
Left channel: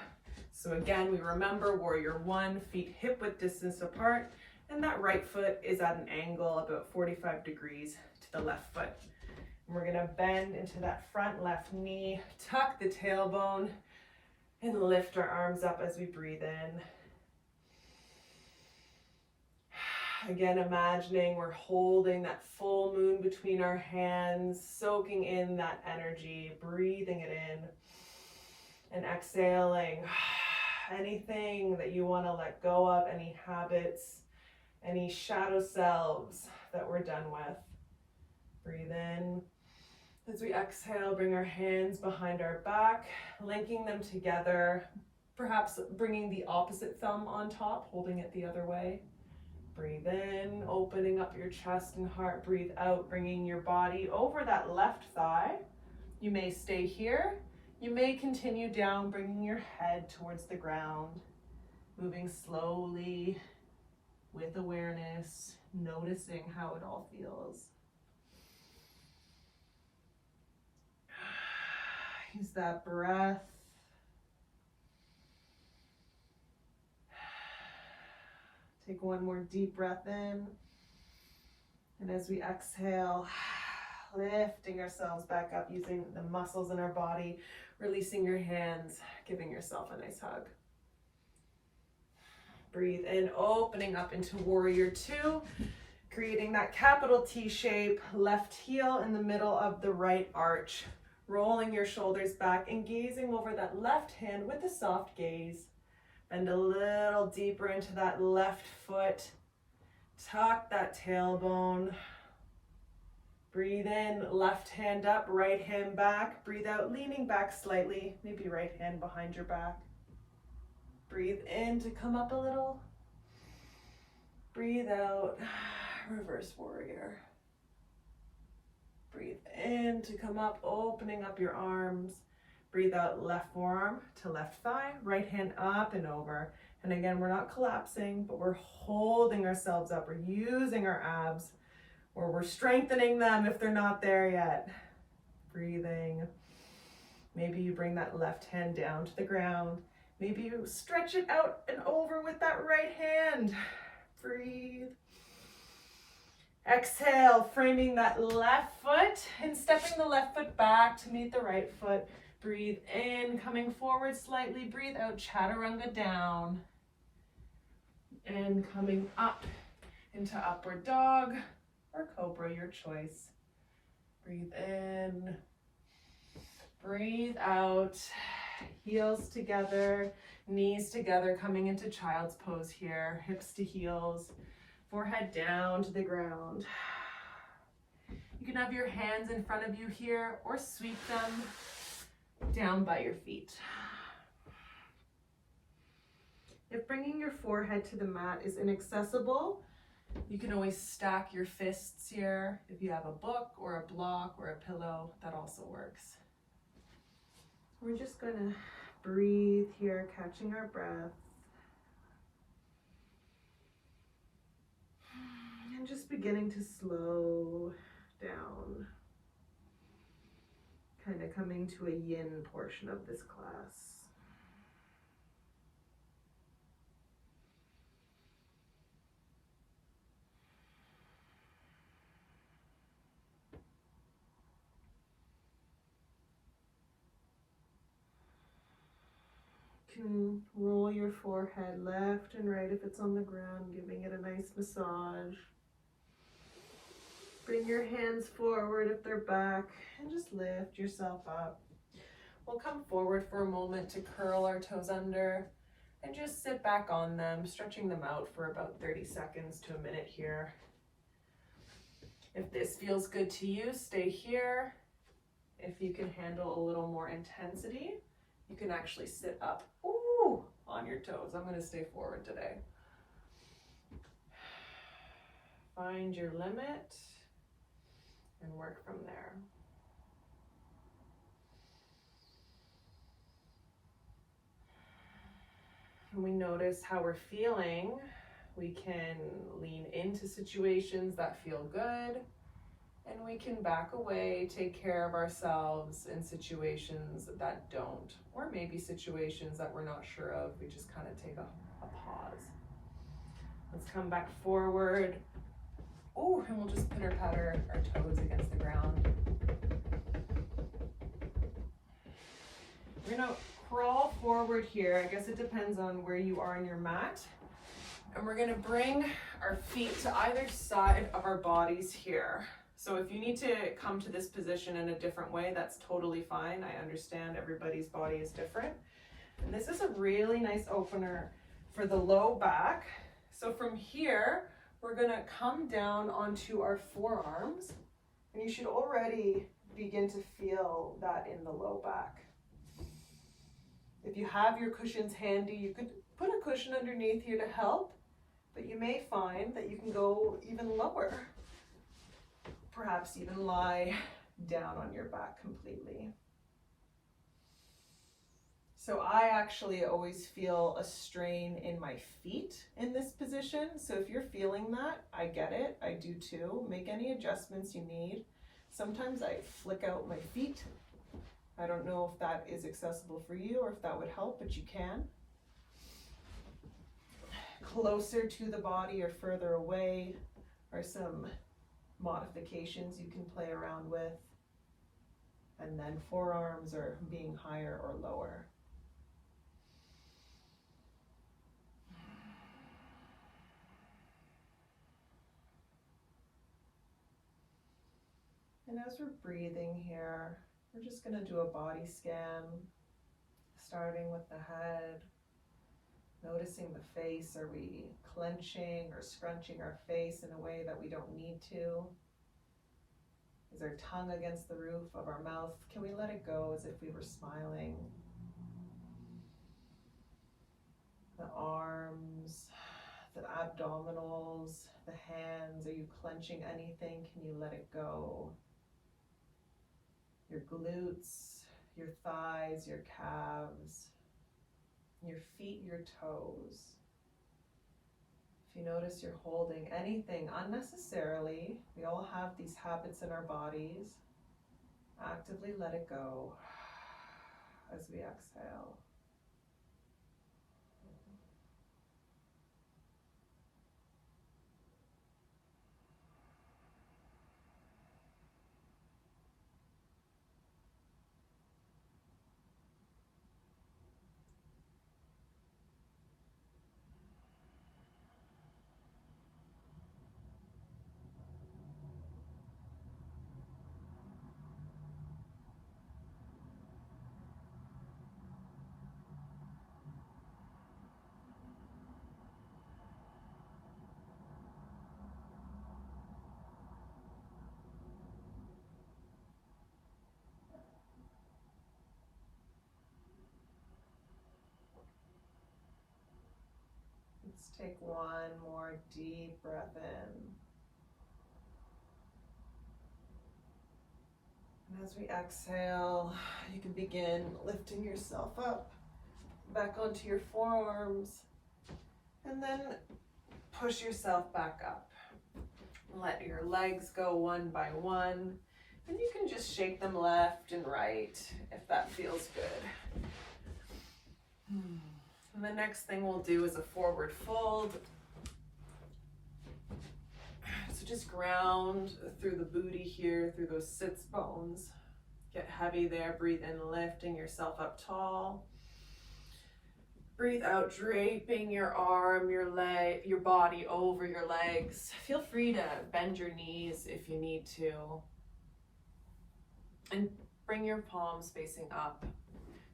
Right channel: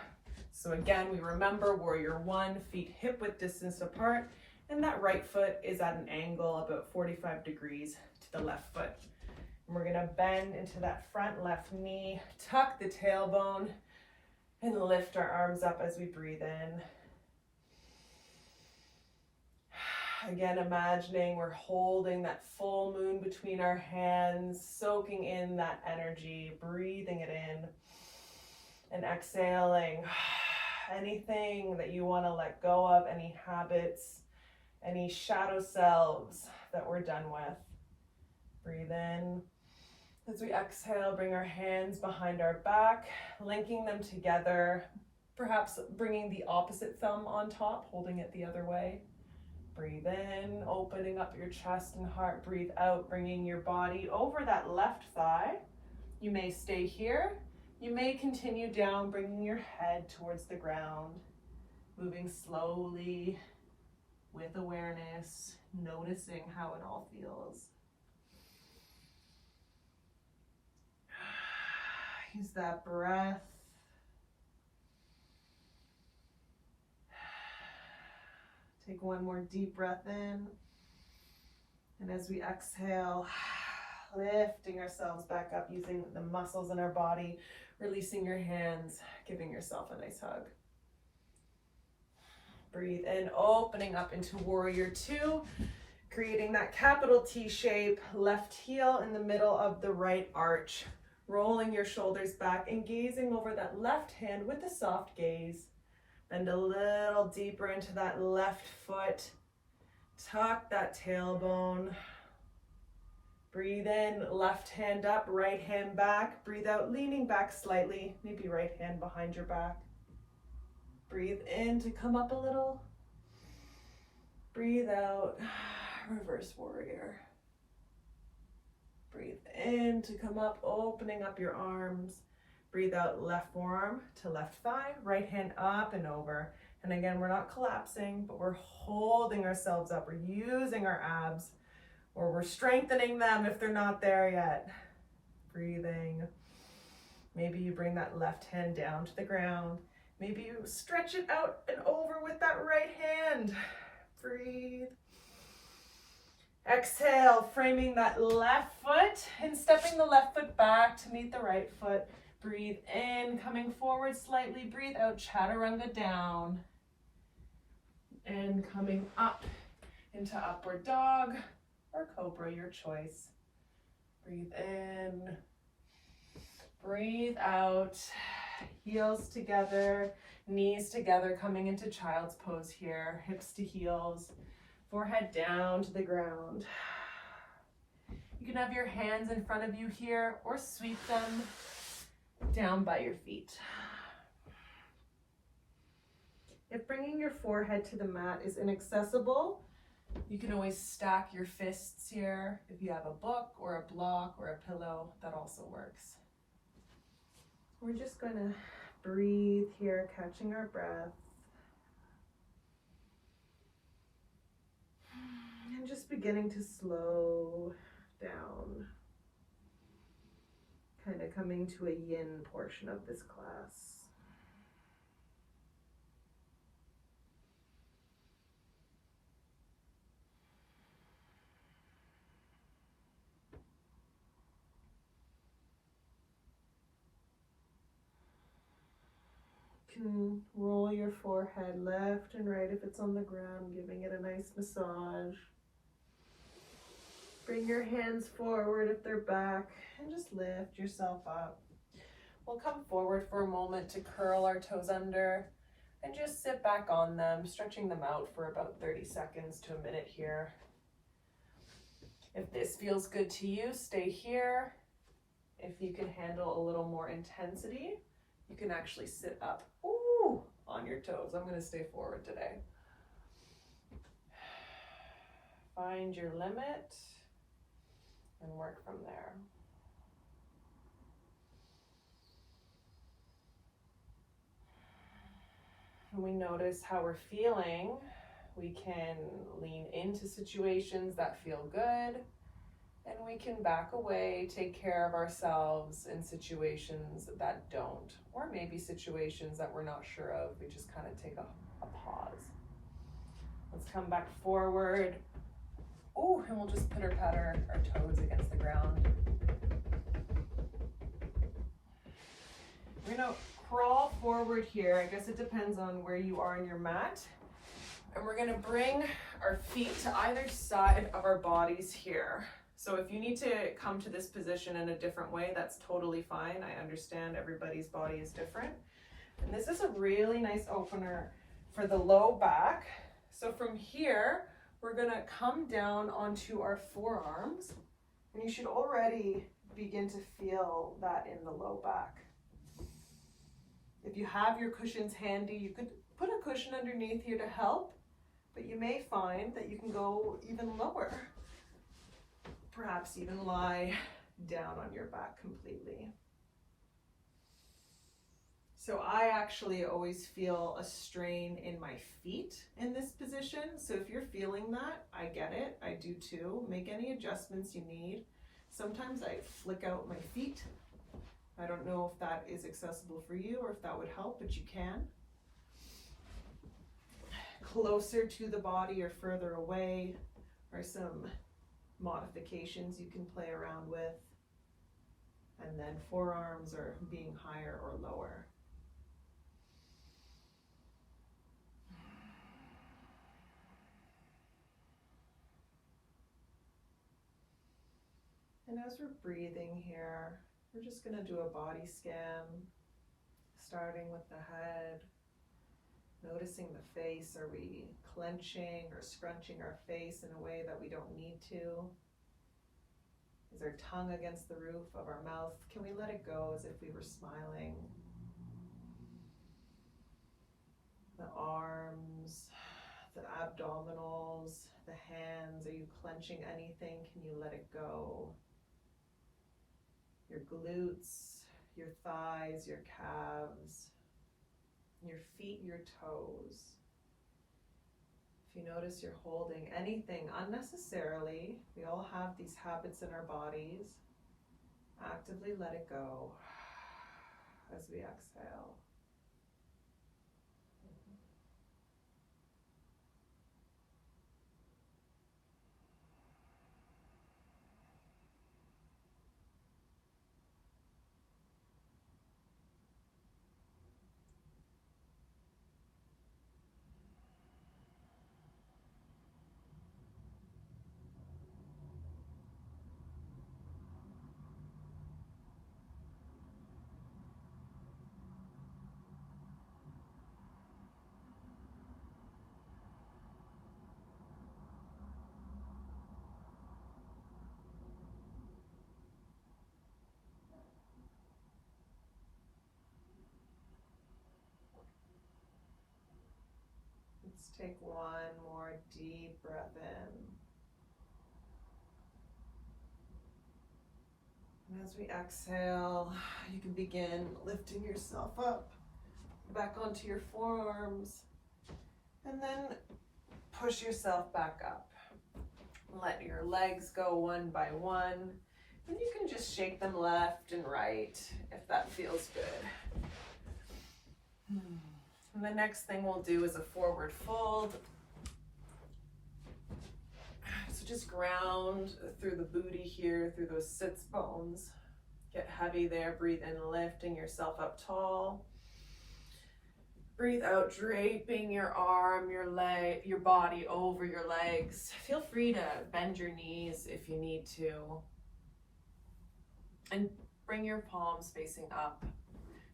So again, we remember warrior 1, feet hip width distance apart, and that right foot is at an angle about 45 degrees to the left foot. And we're gonna bend into that front left knee, tuck the tailbone, and lift our arms up as we breathe in. Again, imagining we're holding that full moon between our hands, soaking in that energy, breathing it in, and exhaling anything that you want to let go of, any habits, any shadow selves that we're done with. Breathe in. As we exhale, bring our hands behind our back, linking them together, perhaps bringing the opposite thumb on top, holding it the other way. Breathe in, opening up your chest and heart. Breathe out, bringing your body over that left thigh. You may stay here. You may continue down, bringing your head towards the ground. Moving slowly with awareness, noticing how it all feels. Use that breath. Take one more deep breath in. And as we exhale, lifting ourselves back up, using the muscles in our body, releasing your hands, giving yourself a nice hug. Breathe in, opening up into warrior 2, creating that capital T shape, left heel in the middle of the right arch, rolling your shoulders back and gazing over that left hand with a soft gaze. Bend a little deeper into that left foot. Tuck that tailbone. Breathe in, left hand up, right hand back. Breathe out, leaning back slightly, maybe right hand behind your back. Breathe in to come up a little. Breathe out, reverse warrior. Breathe in to come up, opening up your arms. Breathe out, left forearm to left thigh, right hand up and over. And again, we're not collapsing, but we're holding ourselves up. We're using our abs, or we're strengthening them if they're not there yet. Breathing. Maybe you bring that left hand down to the ground. Maybe you stretch it out and over with that right hand. Breathe. Exhale, framing that left foot and stepping the left foot back to meet the right foot. Breathe in, coming forward slightly. Breathe out, chaturanga down. And coming up into upward dog or cobra, your choice. Breathe in. Breathe out. Heels together, knees together, coming into child's pose here. Hips to heels, forehead down to the ground. You can have your hands in front of you here or sweep them down by your feet. If bringing your forehead to the mat is inaccessible, you can always stack your fists here. If you have a book or a block or a pillow, that also works. We're just going to breathe here, catching our breath. And just beginning to slow down. Kind of coming to a yin portion of this class. You can roll your forehead left and right if it's on the ground, giving it a nice massage. Bring your hands forward if they're back and just lift yourself up. We'll come forward for a moment to curl our toes under and just sit back on them, stretching them out for about 30 seconds to a minute here. If this feels good to you, stay here. If you can handle a little more intensity, You can actually sit up, ooh, on your toes. I'm going to stay forward today. Find your limit and work from there. When we notice how we're feeling, we can lean into situations that feel good, and we can back away, take care of ourselves in situations that don't, or maybe situations that we're not sure of. We just kind of take a pause. Let's come back forward. Oh, and we'll just pitter-patter our toes against the ground. We're gonna crawl forward here. I guess it depends on where you are on your mat. And we're gonna bring our feet to either side of our bodies here. So if you need to come to this position in a different way, that's totally fine. I understand everybody's body is different. And this is a really nice opener for the low back. So from here, we're gonna come down onto our forearms, and you should already begin to feel that in the low back. If you have your cushions handy, you could put a cushion underneath here to help, but you may find that you can go even lower. Perhaps even lie down on your back completely. So I actually always feel a strain in my feet in this position. So if you're feeling that, I get it. I do too. Make any adjustments you need. Sometimes I flick out my feet. I don't know if that is accessible for you or if that would help, but you can. Closer to the body or further away are some modifications you can play around with. And then forearms are being higher or lower. And as we're breathing here, we're just going to do a body scan, starting with the head, noticing the face. Are we clenching or scrunching our face in a way that we don't need to? Is our tongue against the roof of our mouth? Can we let it go as if we were smiling? The arms, the abdominals, the hands, are you clenching anything? Can you let it go? Your glutes, your thighs, your calves, your feet, your toes. If you notice you're holding anything unnecessarily, we all have these habits in our bodies. Actively let it go as we exhale. Let's take one more deep breath in. And as we exhale, you can begin lifting yourself up, back onto your forearms, and then push yourself back up. Let your legs go one by one, and you can just shake them left and right if that feels good. And the next thing we'll do is a forward fold. So just ground through the booty here, through those sits bones. Get heavy there, breathe in, lifting yourself up tall. Breathe out, draping your arm, your leg, your body over your legs. Feel free to bend your knees if you need to. And bring your palms facing up,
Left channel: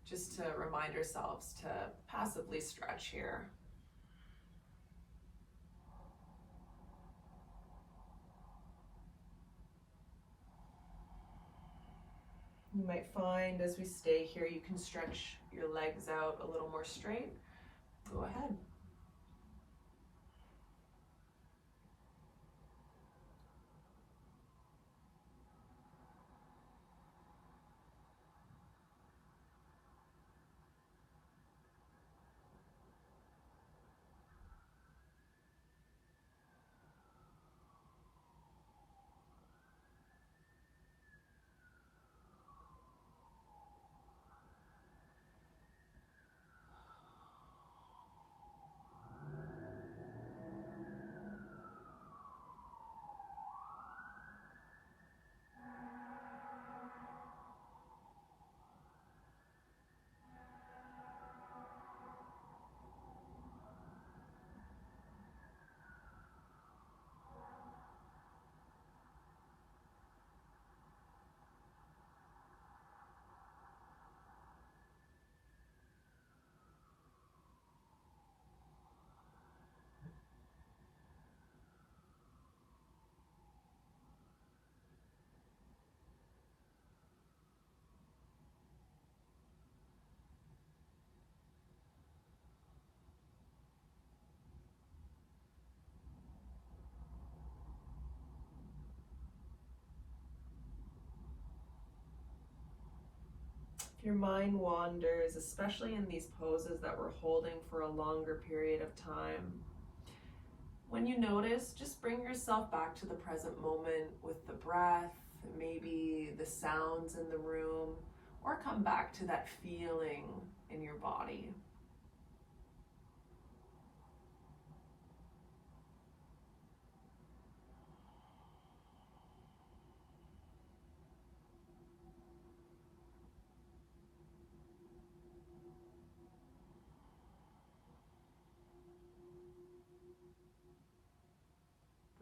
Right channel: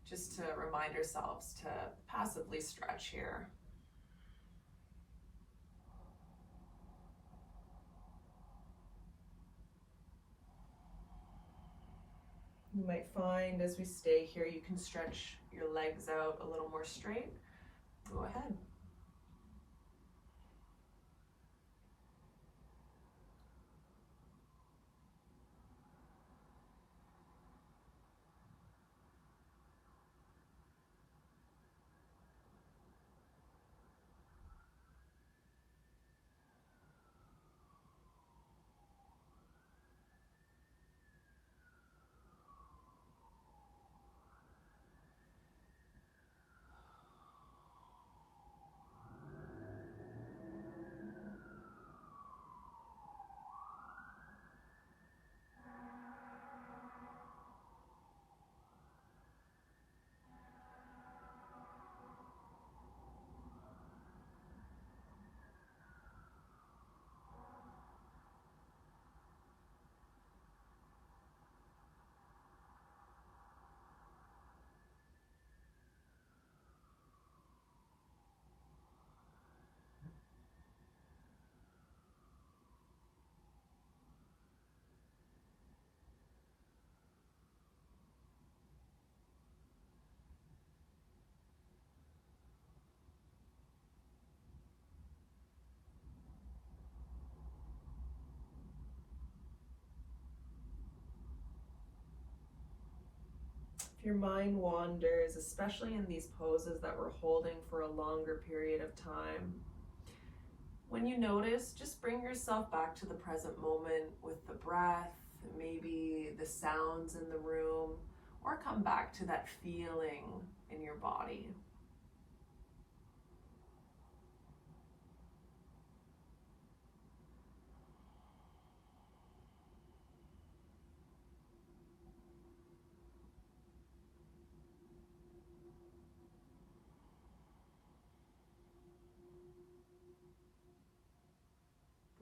just to remind ourselves to passively stretch here. You might find as we stay here, you can stretch your legs out a little more straight, go ahead. If your mind wanders, especially in these poses that we're holding for a longer period of time, when you notice, just bring yourself back to the present moment with the breath, maybe the sounds in the room, or come back to that feeling in your body.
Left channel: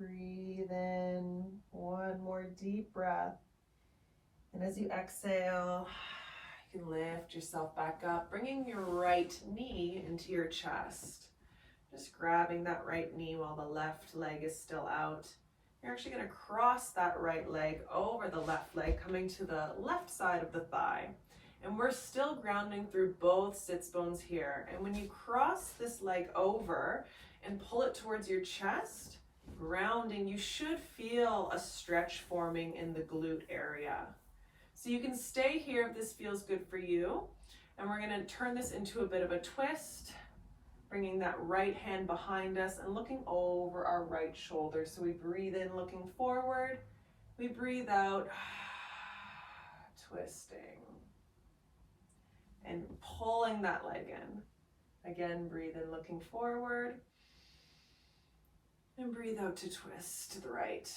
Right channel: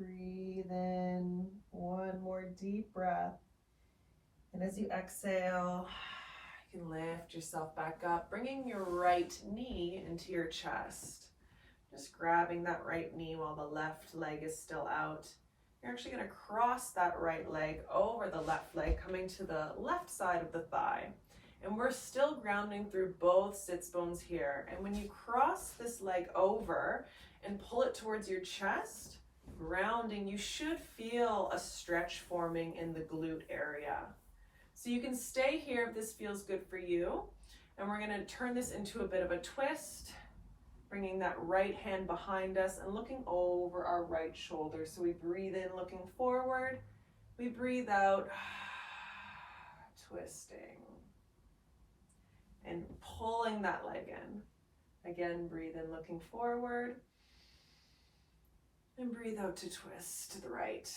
Breathe in, one more deep breath. And as you exhale, you can lift yourself back up, bringing your right knee into your chest. Just grabbing that right knee while the left leg is still out. You're actually going to cross that right leg over the left leg, coming to the left side of the thigh. And we're still grounding through both sits bones here. And when you cross this leg over and pull it towards your chest, grounding, you should feel a stretch forming in the glute area. So you can stay here if this feels good for you. And we're going to turn this into a bit of a twist, bringing that right hand behind us and looking over our right shoulder. So we breathe in, looking forward. We breathe out, twisting. And pulling that leg in. Again, breathe in, looking forward. And breathe out to twist to the right.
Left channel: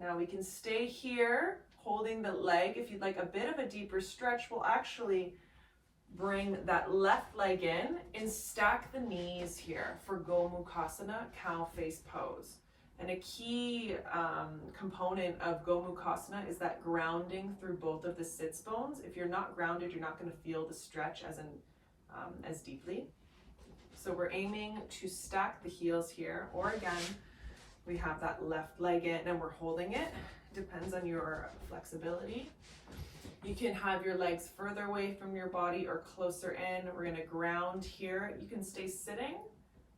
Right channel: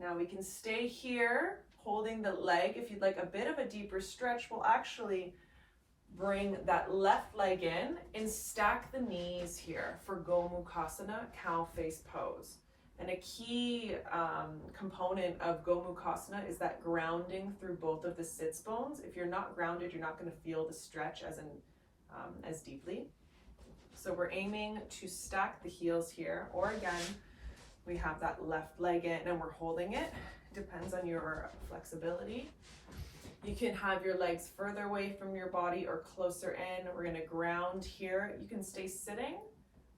Now we can stay here, holding the leg. If you'd like a bit of a deeper stretch, we'll actually bring that left leg in and stack the knees here for Womxn, cow face pose. And a key component of Womxn is that grounding through both of the sits bones. If you're not grounded, you're not going to feel the stretch as deeply. So we're aiming to stack the heels here, or again, we have that left leg in and we're holding it. Depends on your flexibility. You can have your legs further away from your body or closer in. We're going to ground here. You can stay sitting,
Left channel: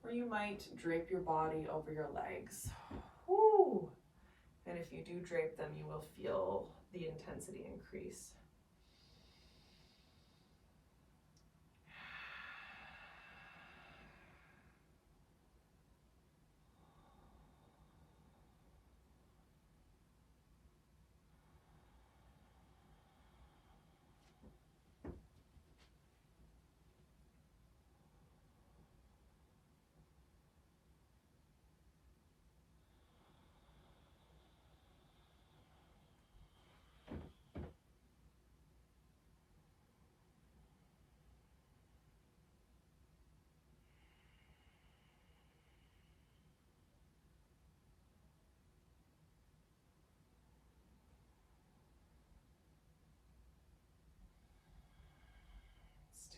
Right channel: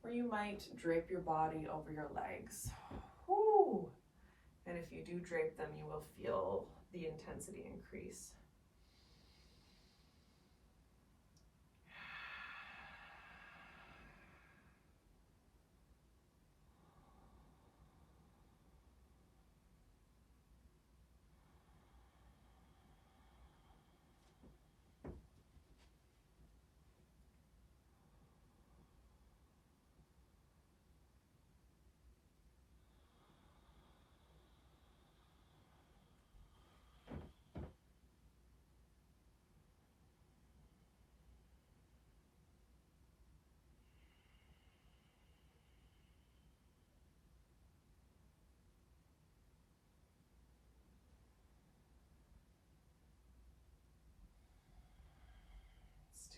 or you might drape your body over your legs. Woo. And if you do drape them, you will feel the intensity increase.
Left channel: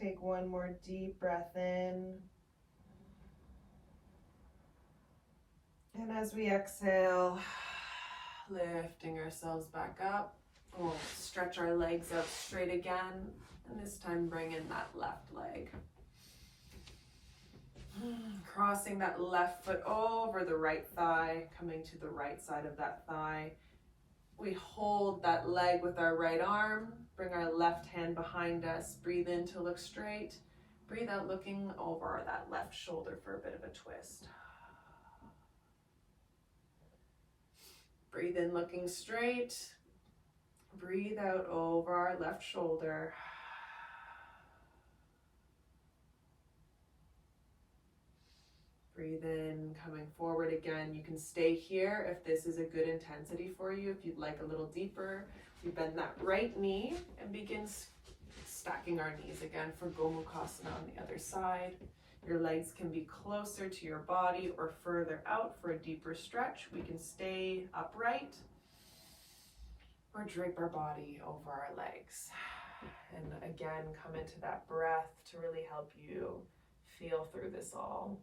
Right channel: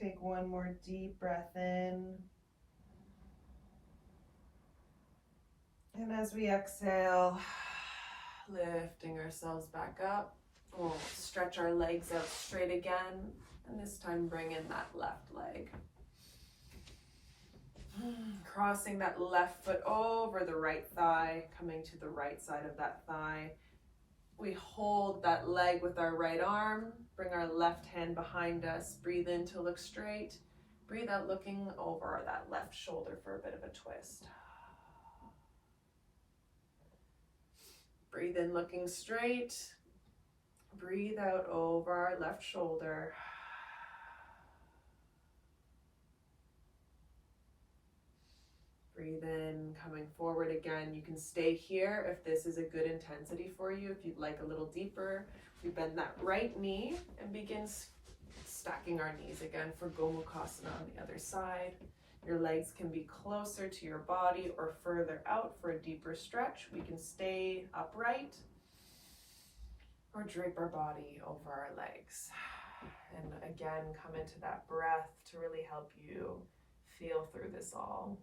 Take one more deep breath in. And as we exhale, lifting ourselves back up. We'll stretch our legs out straight again, and this time bring in that left leg. Crossing that left foot over the right thigh, coming to the right side of that thigh. We hold that leg with our right arm, bring our left hand behind us, breathe in to look straight, breathe out looking over that left shoulder for a bit of a twist. Breathe in looking straight, breathe out over our left shoulder. Breathe in, coming forward again. You can stay here if this is a good intensity for you. If you'd like a little deeper, we bend that right knee and begin stacking our knees again for Womxn on the other side. Your legs can be closer to your body or further out for a deeper stretch. We can stay upright or drape our body over our legs. And again, come into that breath to really help you feel through this all.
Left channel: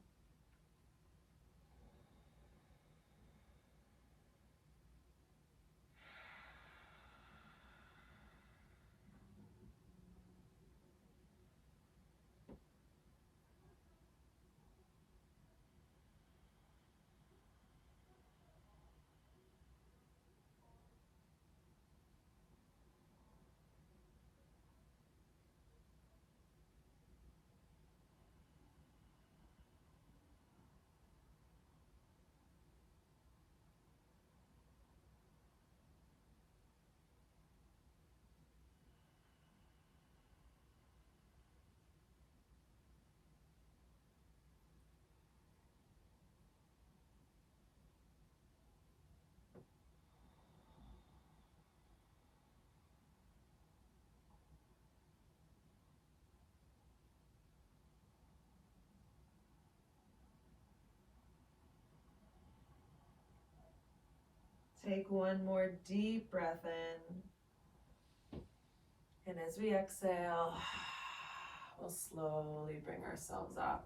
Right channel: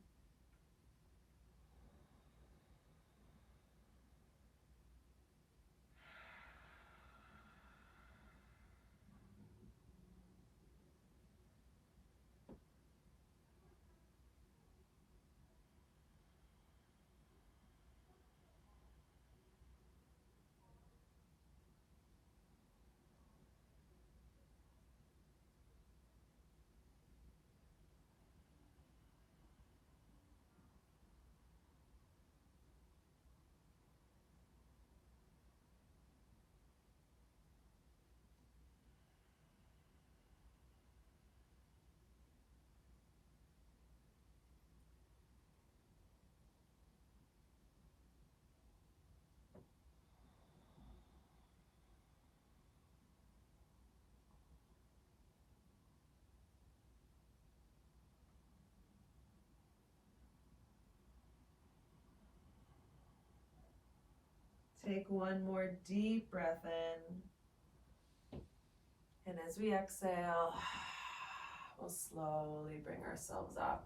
Take one more deep breath in. And as we exhale, we'll slowly bring ourselves up.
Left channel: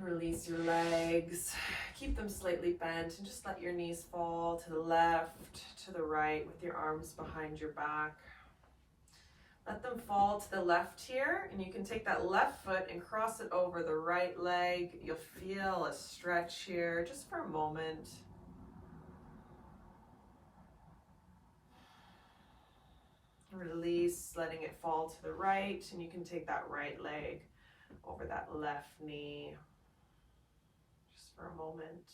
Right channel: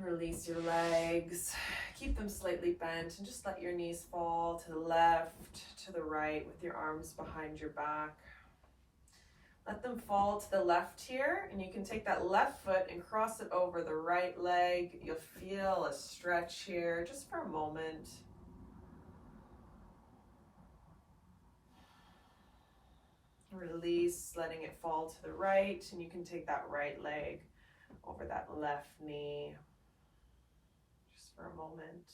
Release your legs. Keep them slightly bent and just let your knees fall to the left, to the right with your arms behind your back. Let them fall to the left here, and you can take that left foot and cross it over the right leg. You'll feel a stretch here just for a moment. Release, letting it fall to the right, and you can take that right leg over that left knee just for a moment.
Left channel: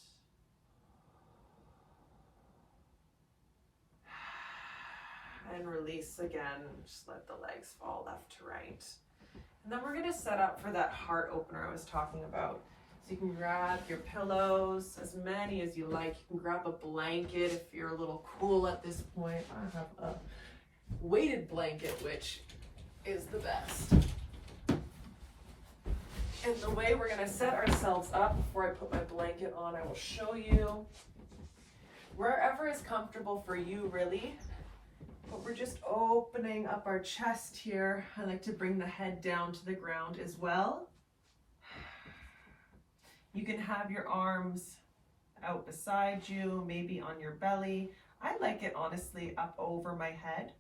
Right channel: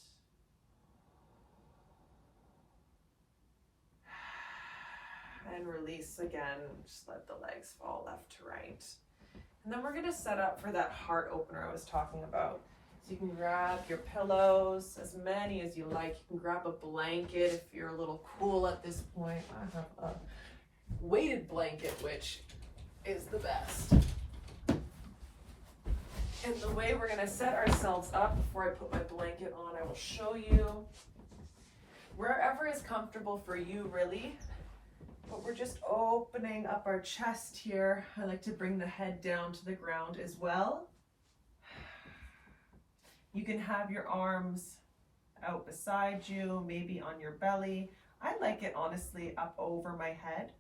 And release again, just let the legs fall left to right. And then we're going to set up for that heart opener I was talking about. So you can grab your pillows, as many as you like. You can grab a blanket if you're a little cool at this point. I have a weighted blanket, which is the best. And the way we're going to set ourselves up, before I put my blanket on, I will show you wherever is comfortable for you, really. But we're just opening up our chest here. I like to bring the head down to the ground as well. You can have your arms out beside you, maybe on your belly. I like it honestly up over my head.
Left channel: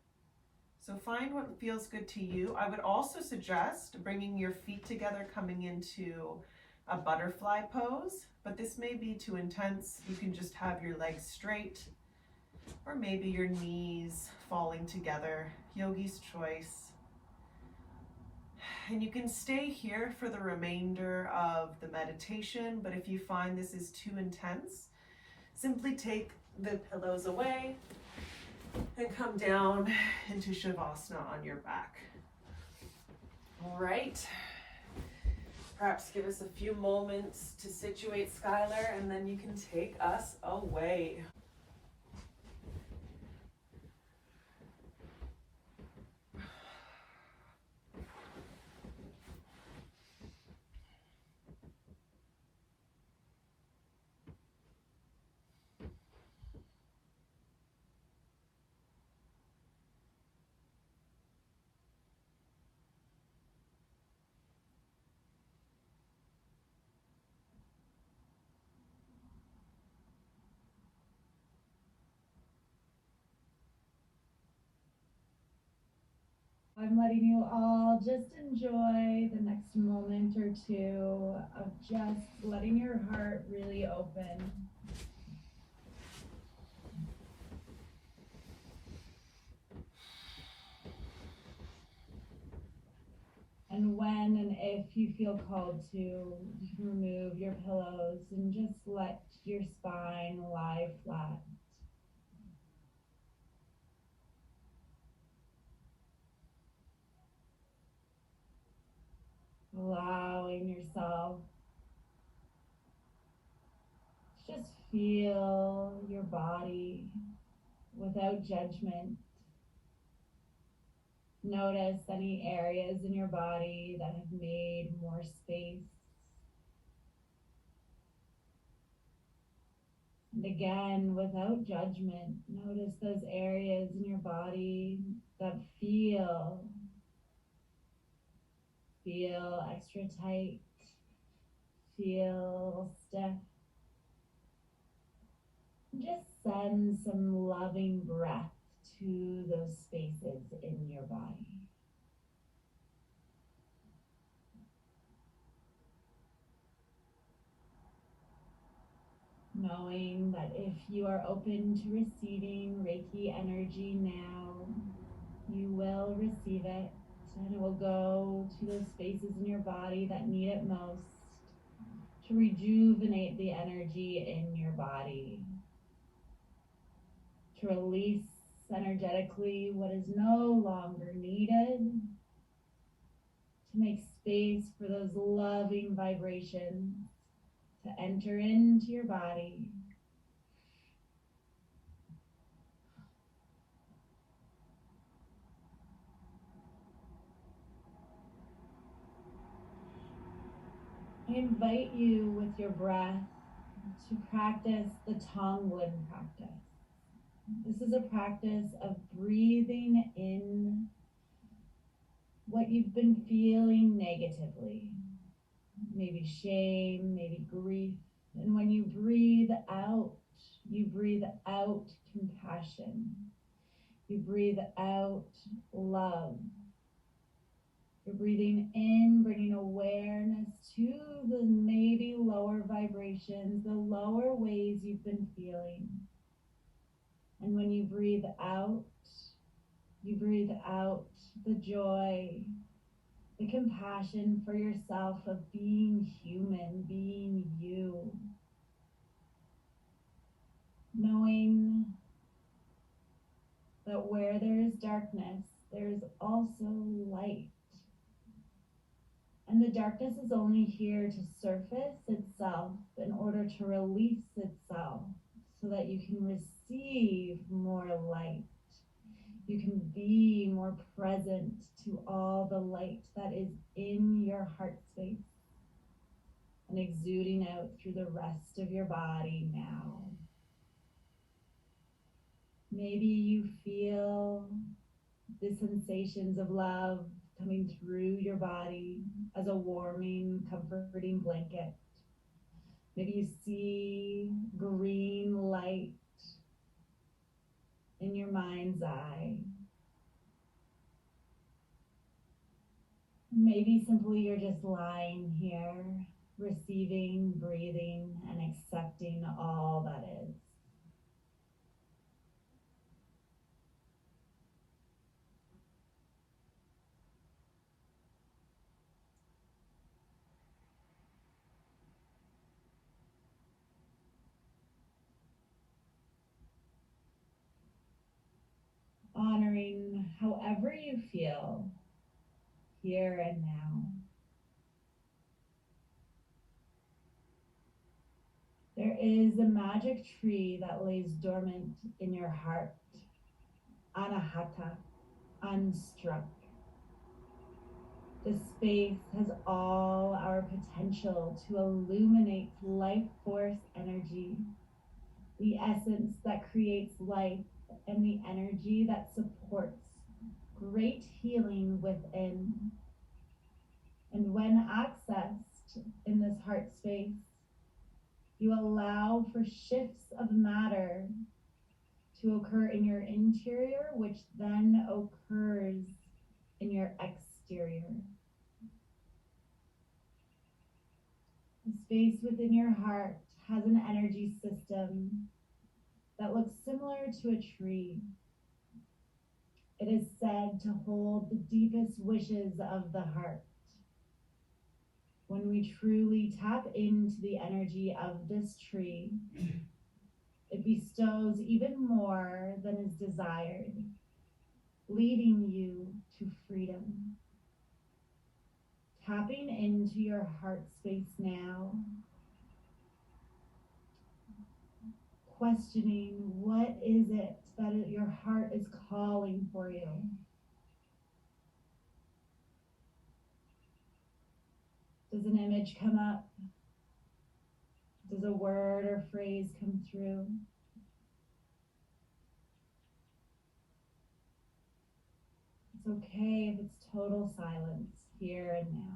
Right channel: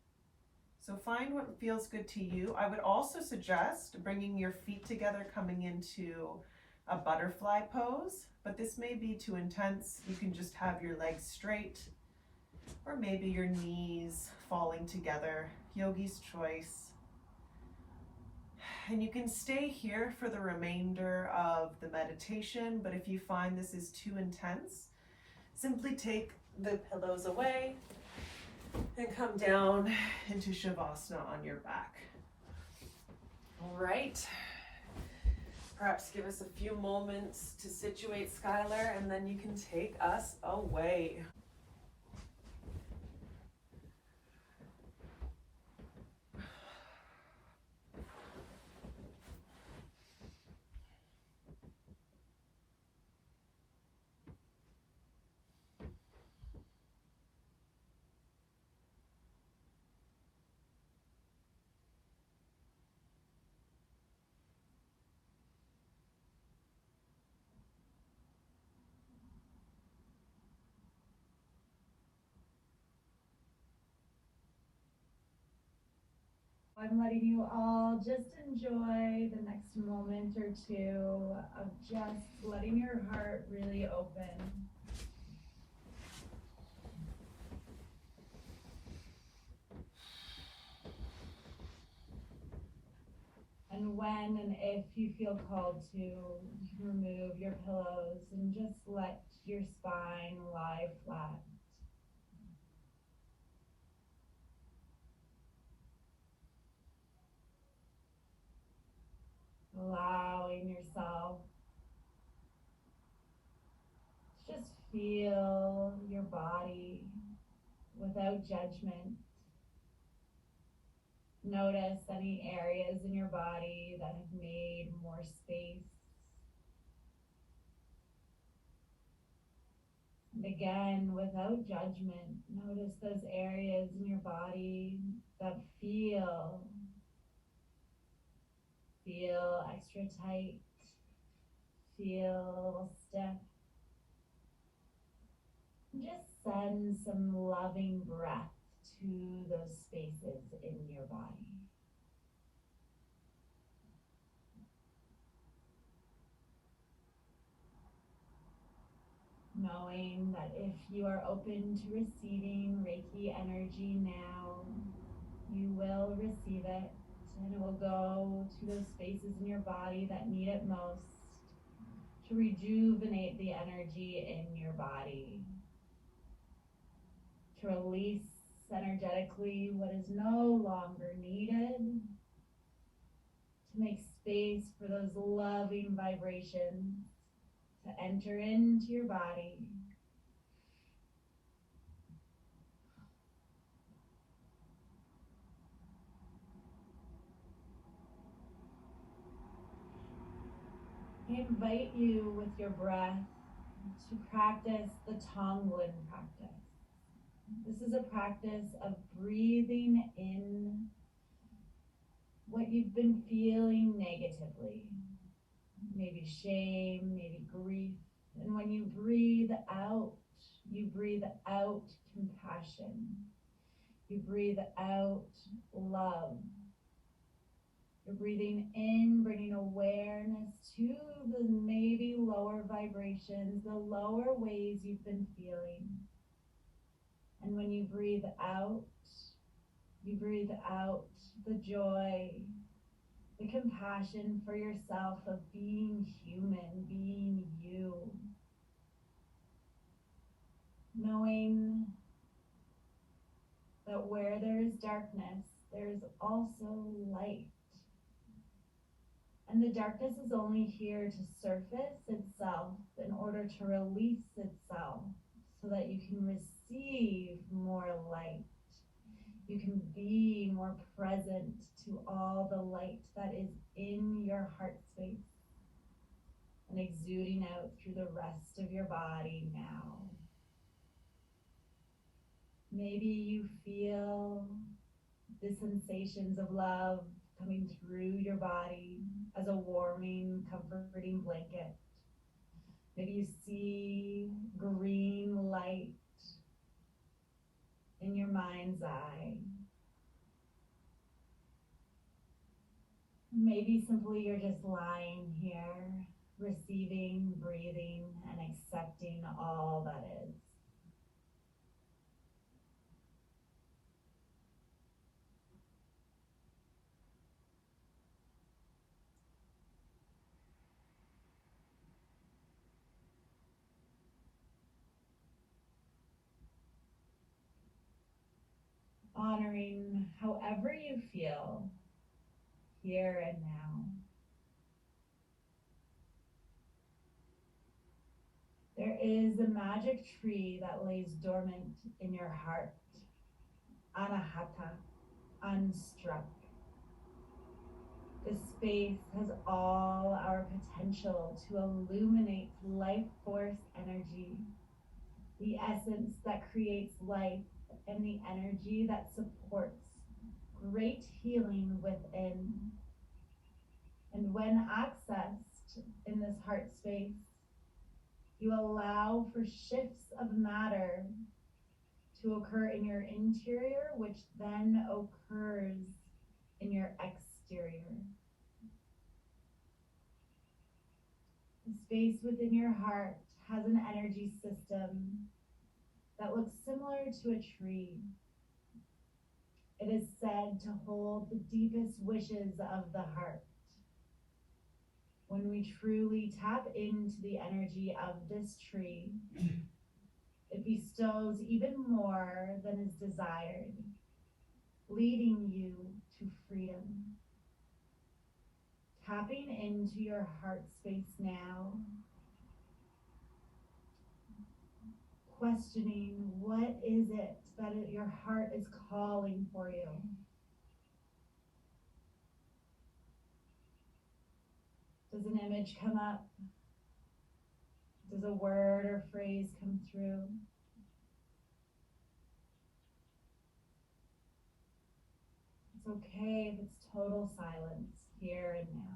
So find what feels good to you. I would also suggest bringing your feet together, coming into a butterfly pose, but this may be too intense. You can just have your legs straight, or maybe your knees falling together, yogi's choice. And you can stay here for the remainder of the meditation, but if you find this is too intense, simply take the pillows away and come down into Shavasana on your back. All right. Perhaps give us a few moments to situate, Skylar, and then you can take us away. I'm letting you all just enjoy the next moment or two of just letting your heart really open. And when and if you feel called to, you can remove your pillows and just let your spine lie flat. Allowing yourself to just feel your body without judgment. Notice any areas in your body that have made more space. And again, without judgment, notice those areas in your body that feel extra tight, feel stiff. Just send some loving breath to those spaces in your body. Knowing that if you are open to receiving Reiki energy now, you will receive it, and it will go to those spaces in your body that need it most to rejuvenate the energy in your body, to release energetically what is no longer needed, to make space for those loving vibrations to enter into your body. I invite you with your breath to practice the Tonglen practice. This is a practice of breathing in what you've been feeling negatively, maybe shame, maybe grief. And when you breathe out compassion. You breathe out love. You're breathing in, bringing awareness to the maybe lower vibrations, the lower ways you've been feeling. And when you breathe out the joy, the compassion for yourself of being human, being you. Knowing that where there is darkness, there is also light. And the darkness is only here to surface itself in order to release itself so that you can receive more light. You can be more present to all the light that is in your heart space and exuding out through the rest of your body now. Maybe you feel the sensations of love coming through your body as a warming, comforting blanket. Maybe you see green light in your mind's eye. Maybe simply you're just lying here, receiving, breathing, and accepting all that is. Honoring however you feel here and now. There is a magic tree that lays dormant in your heart, anahata, unstruck. This space has all our potential to illuminate life force energy, the essence that creates life and the energy that supports great healing within. And when accessed in this heart space, you allow for shifts of matter to occur in your interior, which then occurs in your your exterior. The space within your heart has an energy system that looks similar to a tree. It is said to hold the deepest wishes of the heart. When we truly tap into the energy of this tree, it bestows even more than is desired, leading you to freedom. Tapping into your heart space now, questioning what is it that your heart is calling for you. Does an image come up? Does a word or phrase come through? It's okay if it's total silence here and now.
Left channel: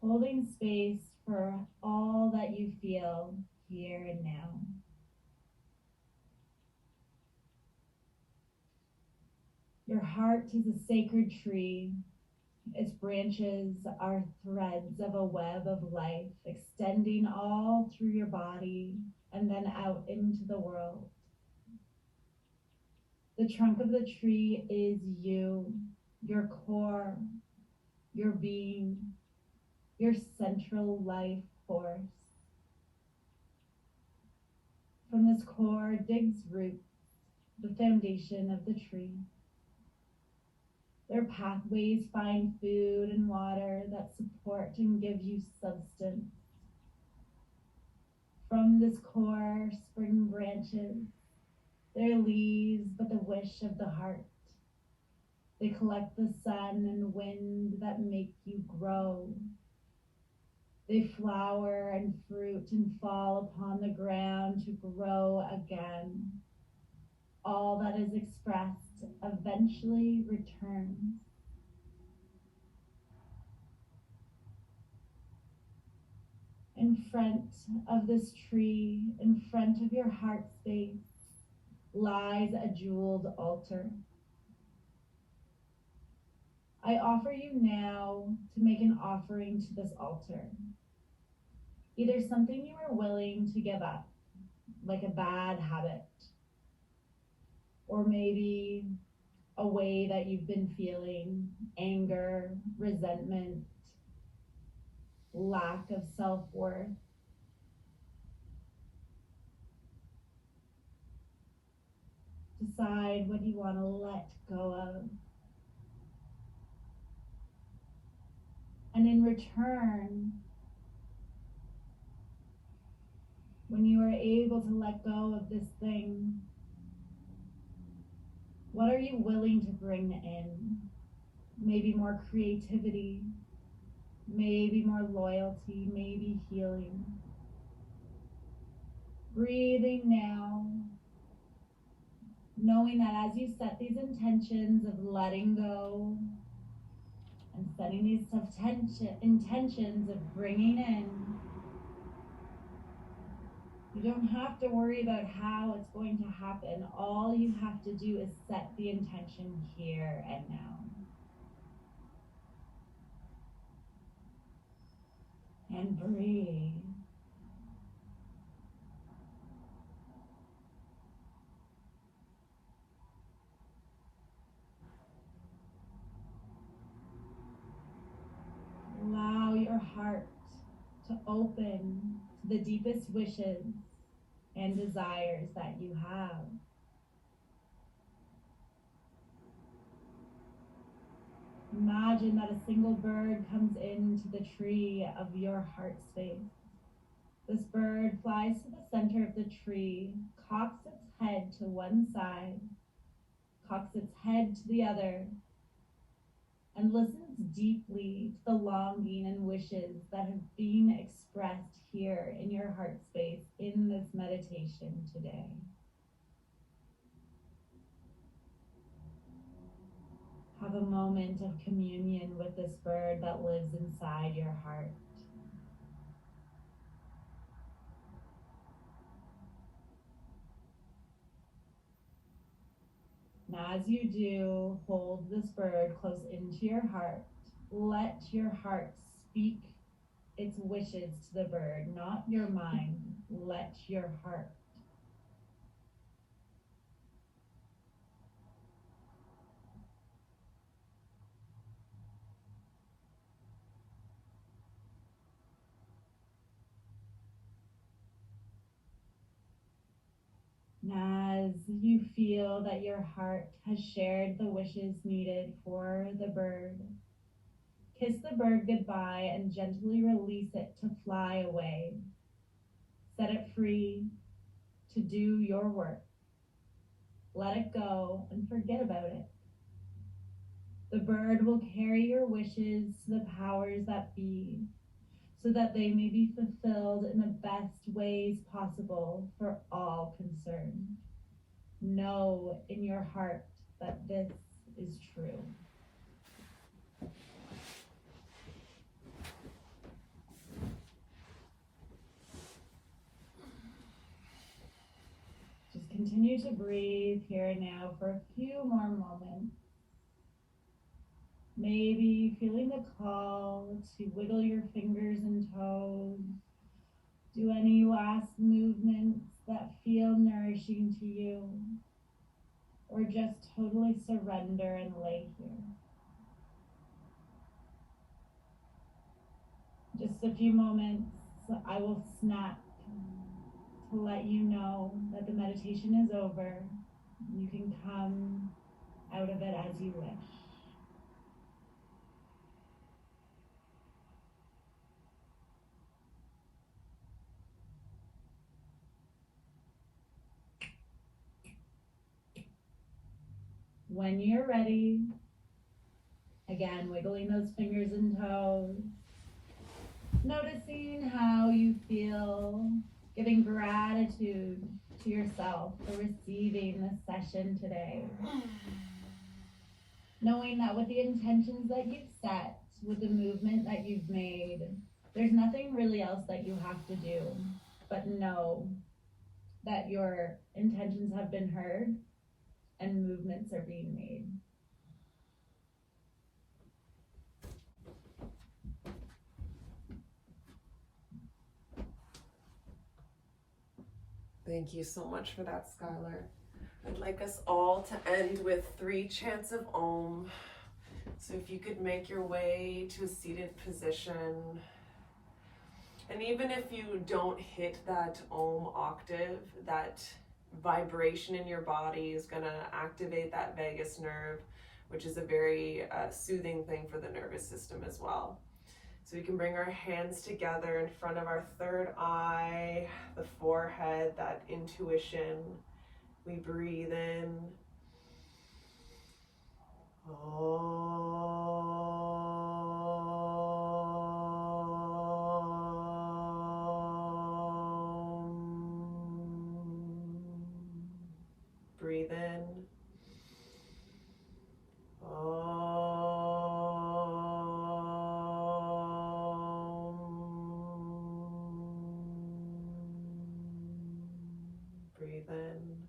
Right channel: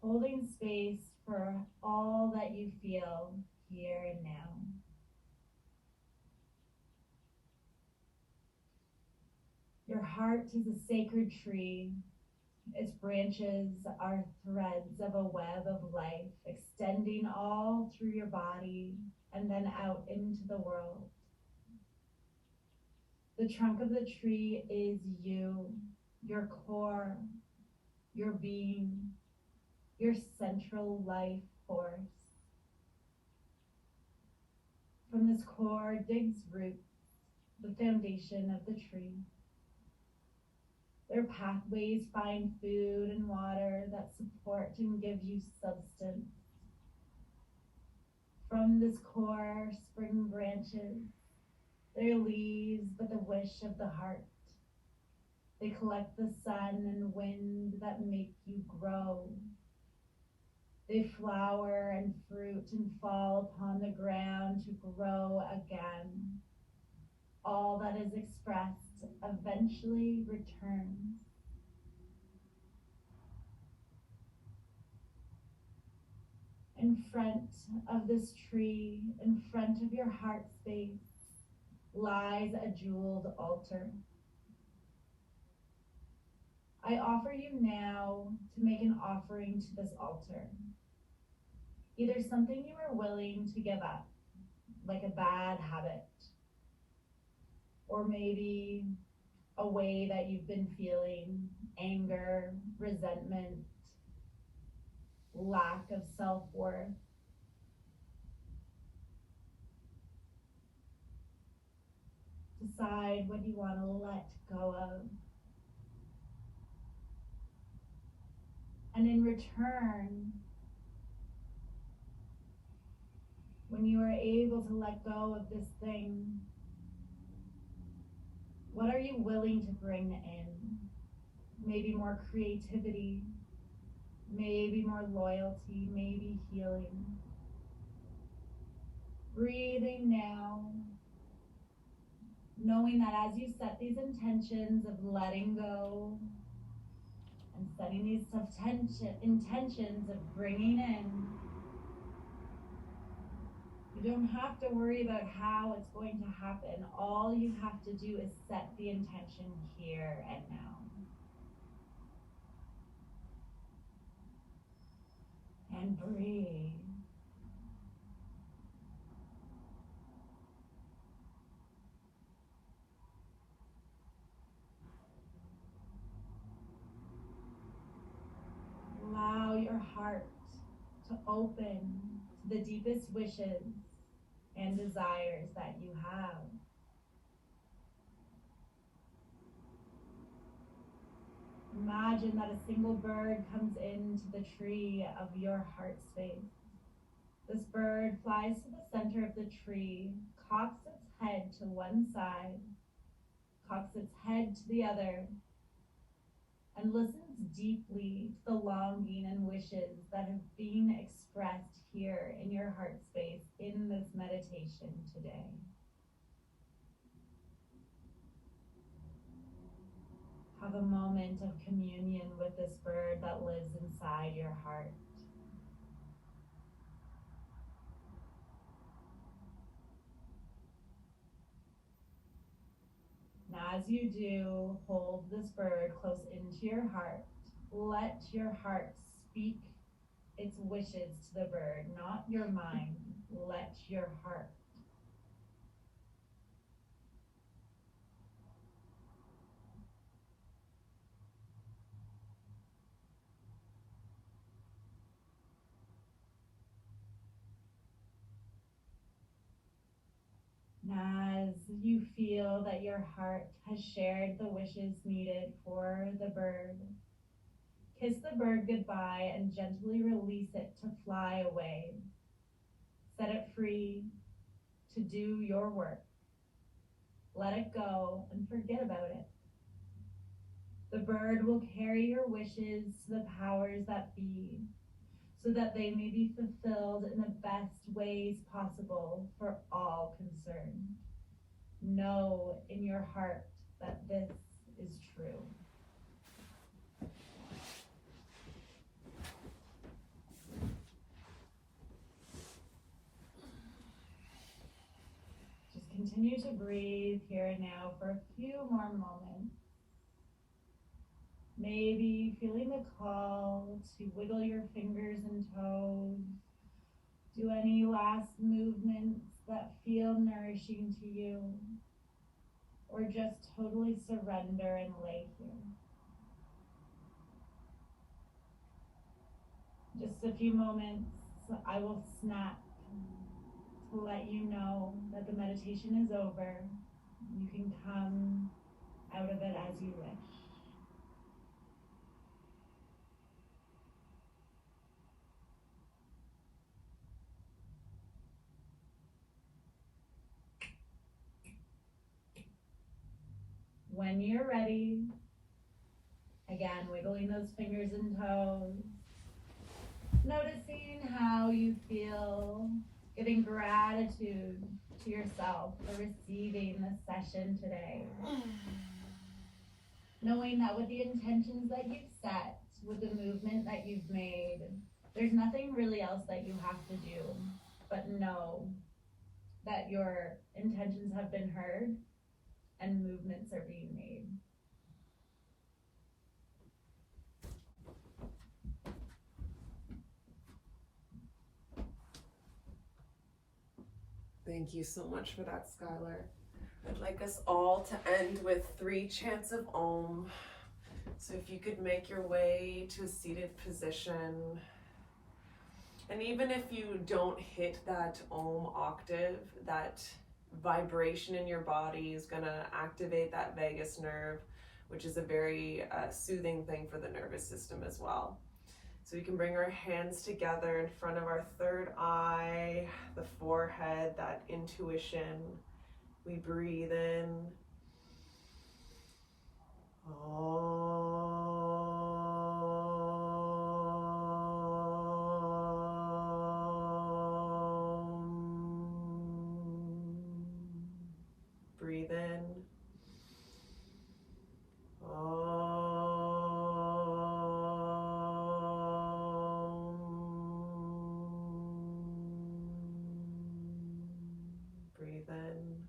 Holding space for all that you feel here and now. Your heart is a sacred tree. Its branches are threads of a web of life extending all through your body and then out into the world. The trunk of the tree is you, your core, your being, your central life force. From this core digs roots, the foundation of the tree. Their pathways find food and water that support and give you substance. From this core spring branches, their leaves but the wish of the heart. They collect the sun and wind that make you grow. They flower and fruit and fall upon the ground to grow again. All that is expressed eventually returns. In front of this tree, in front of your heart space, lies a jeweled altar. I offer you now to make an offering to this altar. Either something you are willing to give up, like a bad habit, or maybe a way that you've been feeling anger, resentment, lack of self-worth. Decide what you want to let go of. And in return, when you are able to let go of this thing, what are you willing to bring in? Maybe more creativity, maybe more loyalty, maybe healing. Breathing now, knowing that as you set these intentions of letting go and setting these intentions of bringing in, you don't have to worry about how it's going to happen. All you have to do is set the intention here and now. And breathe. Allow your heart to open to the deepest wishes and desires that you have. Imagine that a single bird comes into the tree of your heart space. This bird flies to the center of the tree, cocks its head to one side, cocks its head to the other, and listens deeply to the longing and wishes that have been expressed here in your heart space in this meditation today. Have a moment of communion with this bird that lives inside your heart. Now, as you do, hold this bird close into your heart. Let your heart speak its wishes to the bird, not your mind. Let your heart. As you feel that your heart has shared the wishes needed for the bird, kiss the bird goodbye and gently release it to fly away. Set it free to do your work. Let it go and forget about it. The bird will carry your wishes to the powers that be, so that they may be fulfilled in the best ways possible for all concerned. Know in your heart that this is true. Just continue to breathe here and now for a few more moments. Maybe feeling the call to wiggle your fingers and toes. Do any last movements that feel nourishing to you, or just totally surrender and lay here. Just a few moments, I will snap to let you know that the meditation is over. You can come out of it as you wish. When you're ready, again, wiggling those fingers and toes, noticing how you feel, giving gratitude to yourself for receiving this session today. Knowing that with the intentions that you've set, with the movement that you've made, there's nothing really else that you have to do, but know that your intentions have been heard and movements are being made. Thank you so much for that, Skylar. I'd like us all to end with 3 chants of Om. So if you could make your way to a seated position, and even if you don't hit that Om octave, that vibration in your body is going to activate that vagus nerve, which is a very soothing thing for the nervous system as well. So we can bring our hands together in front of our third eye, the forehead, that intuition. We breathe in. Breathe in. Breathe in.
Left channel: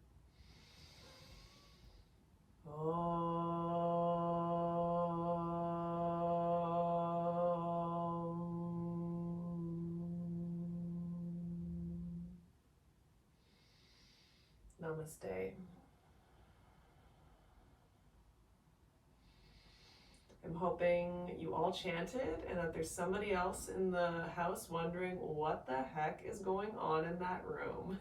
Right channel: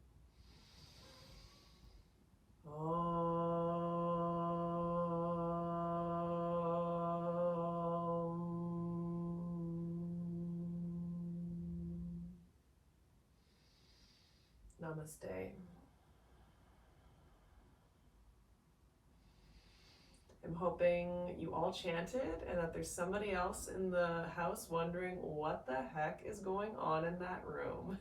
Namaste. I'm hoping you all chanted and that there's somebody else in the house wondering what the heck is going on in that room.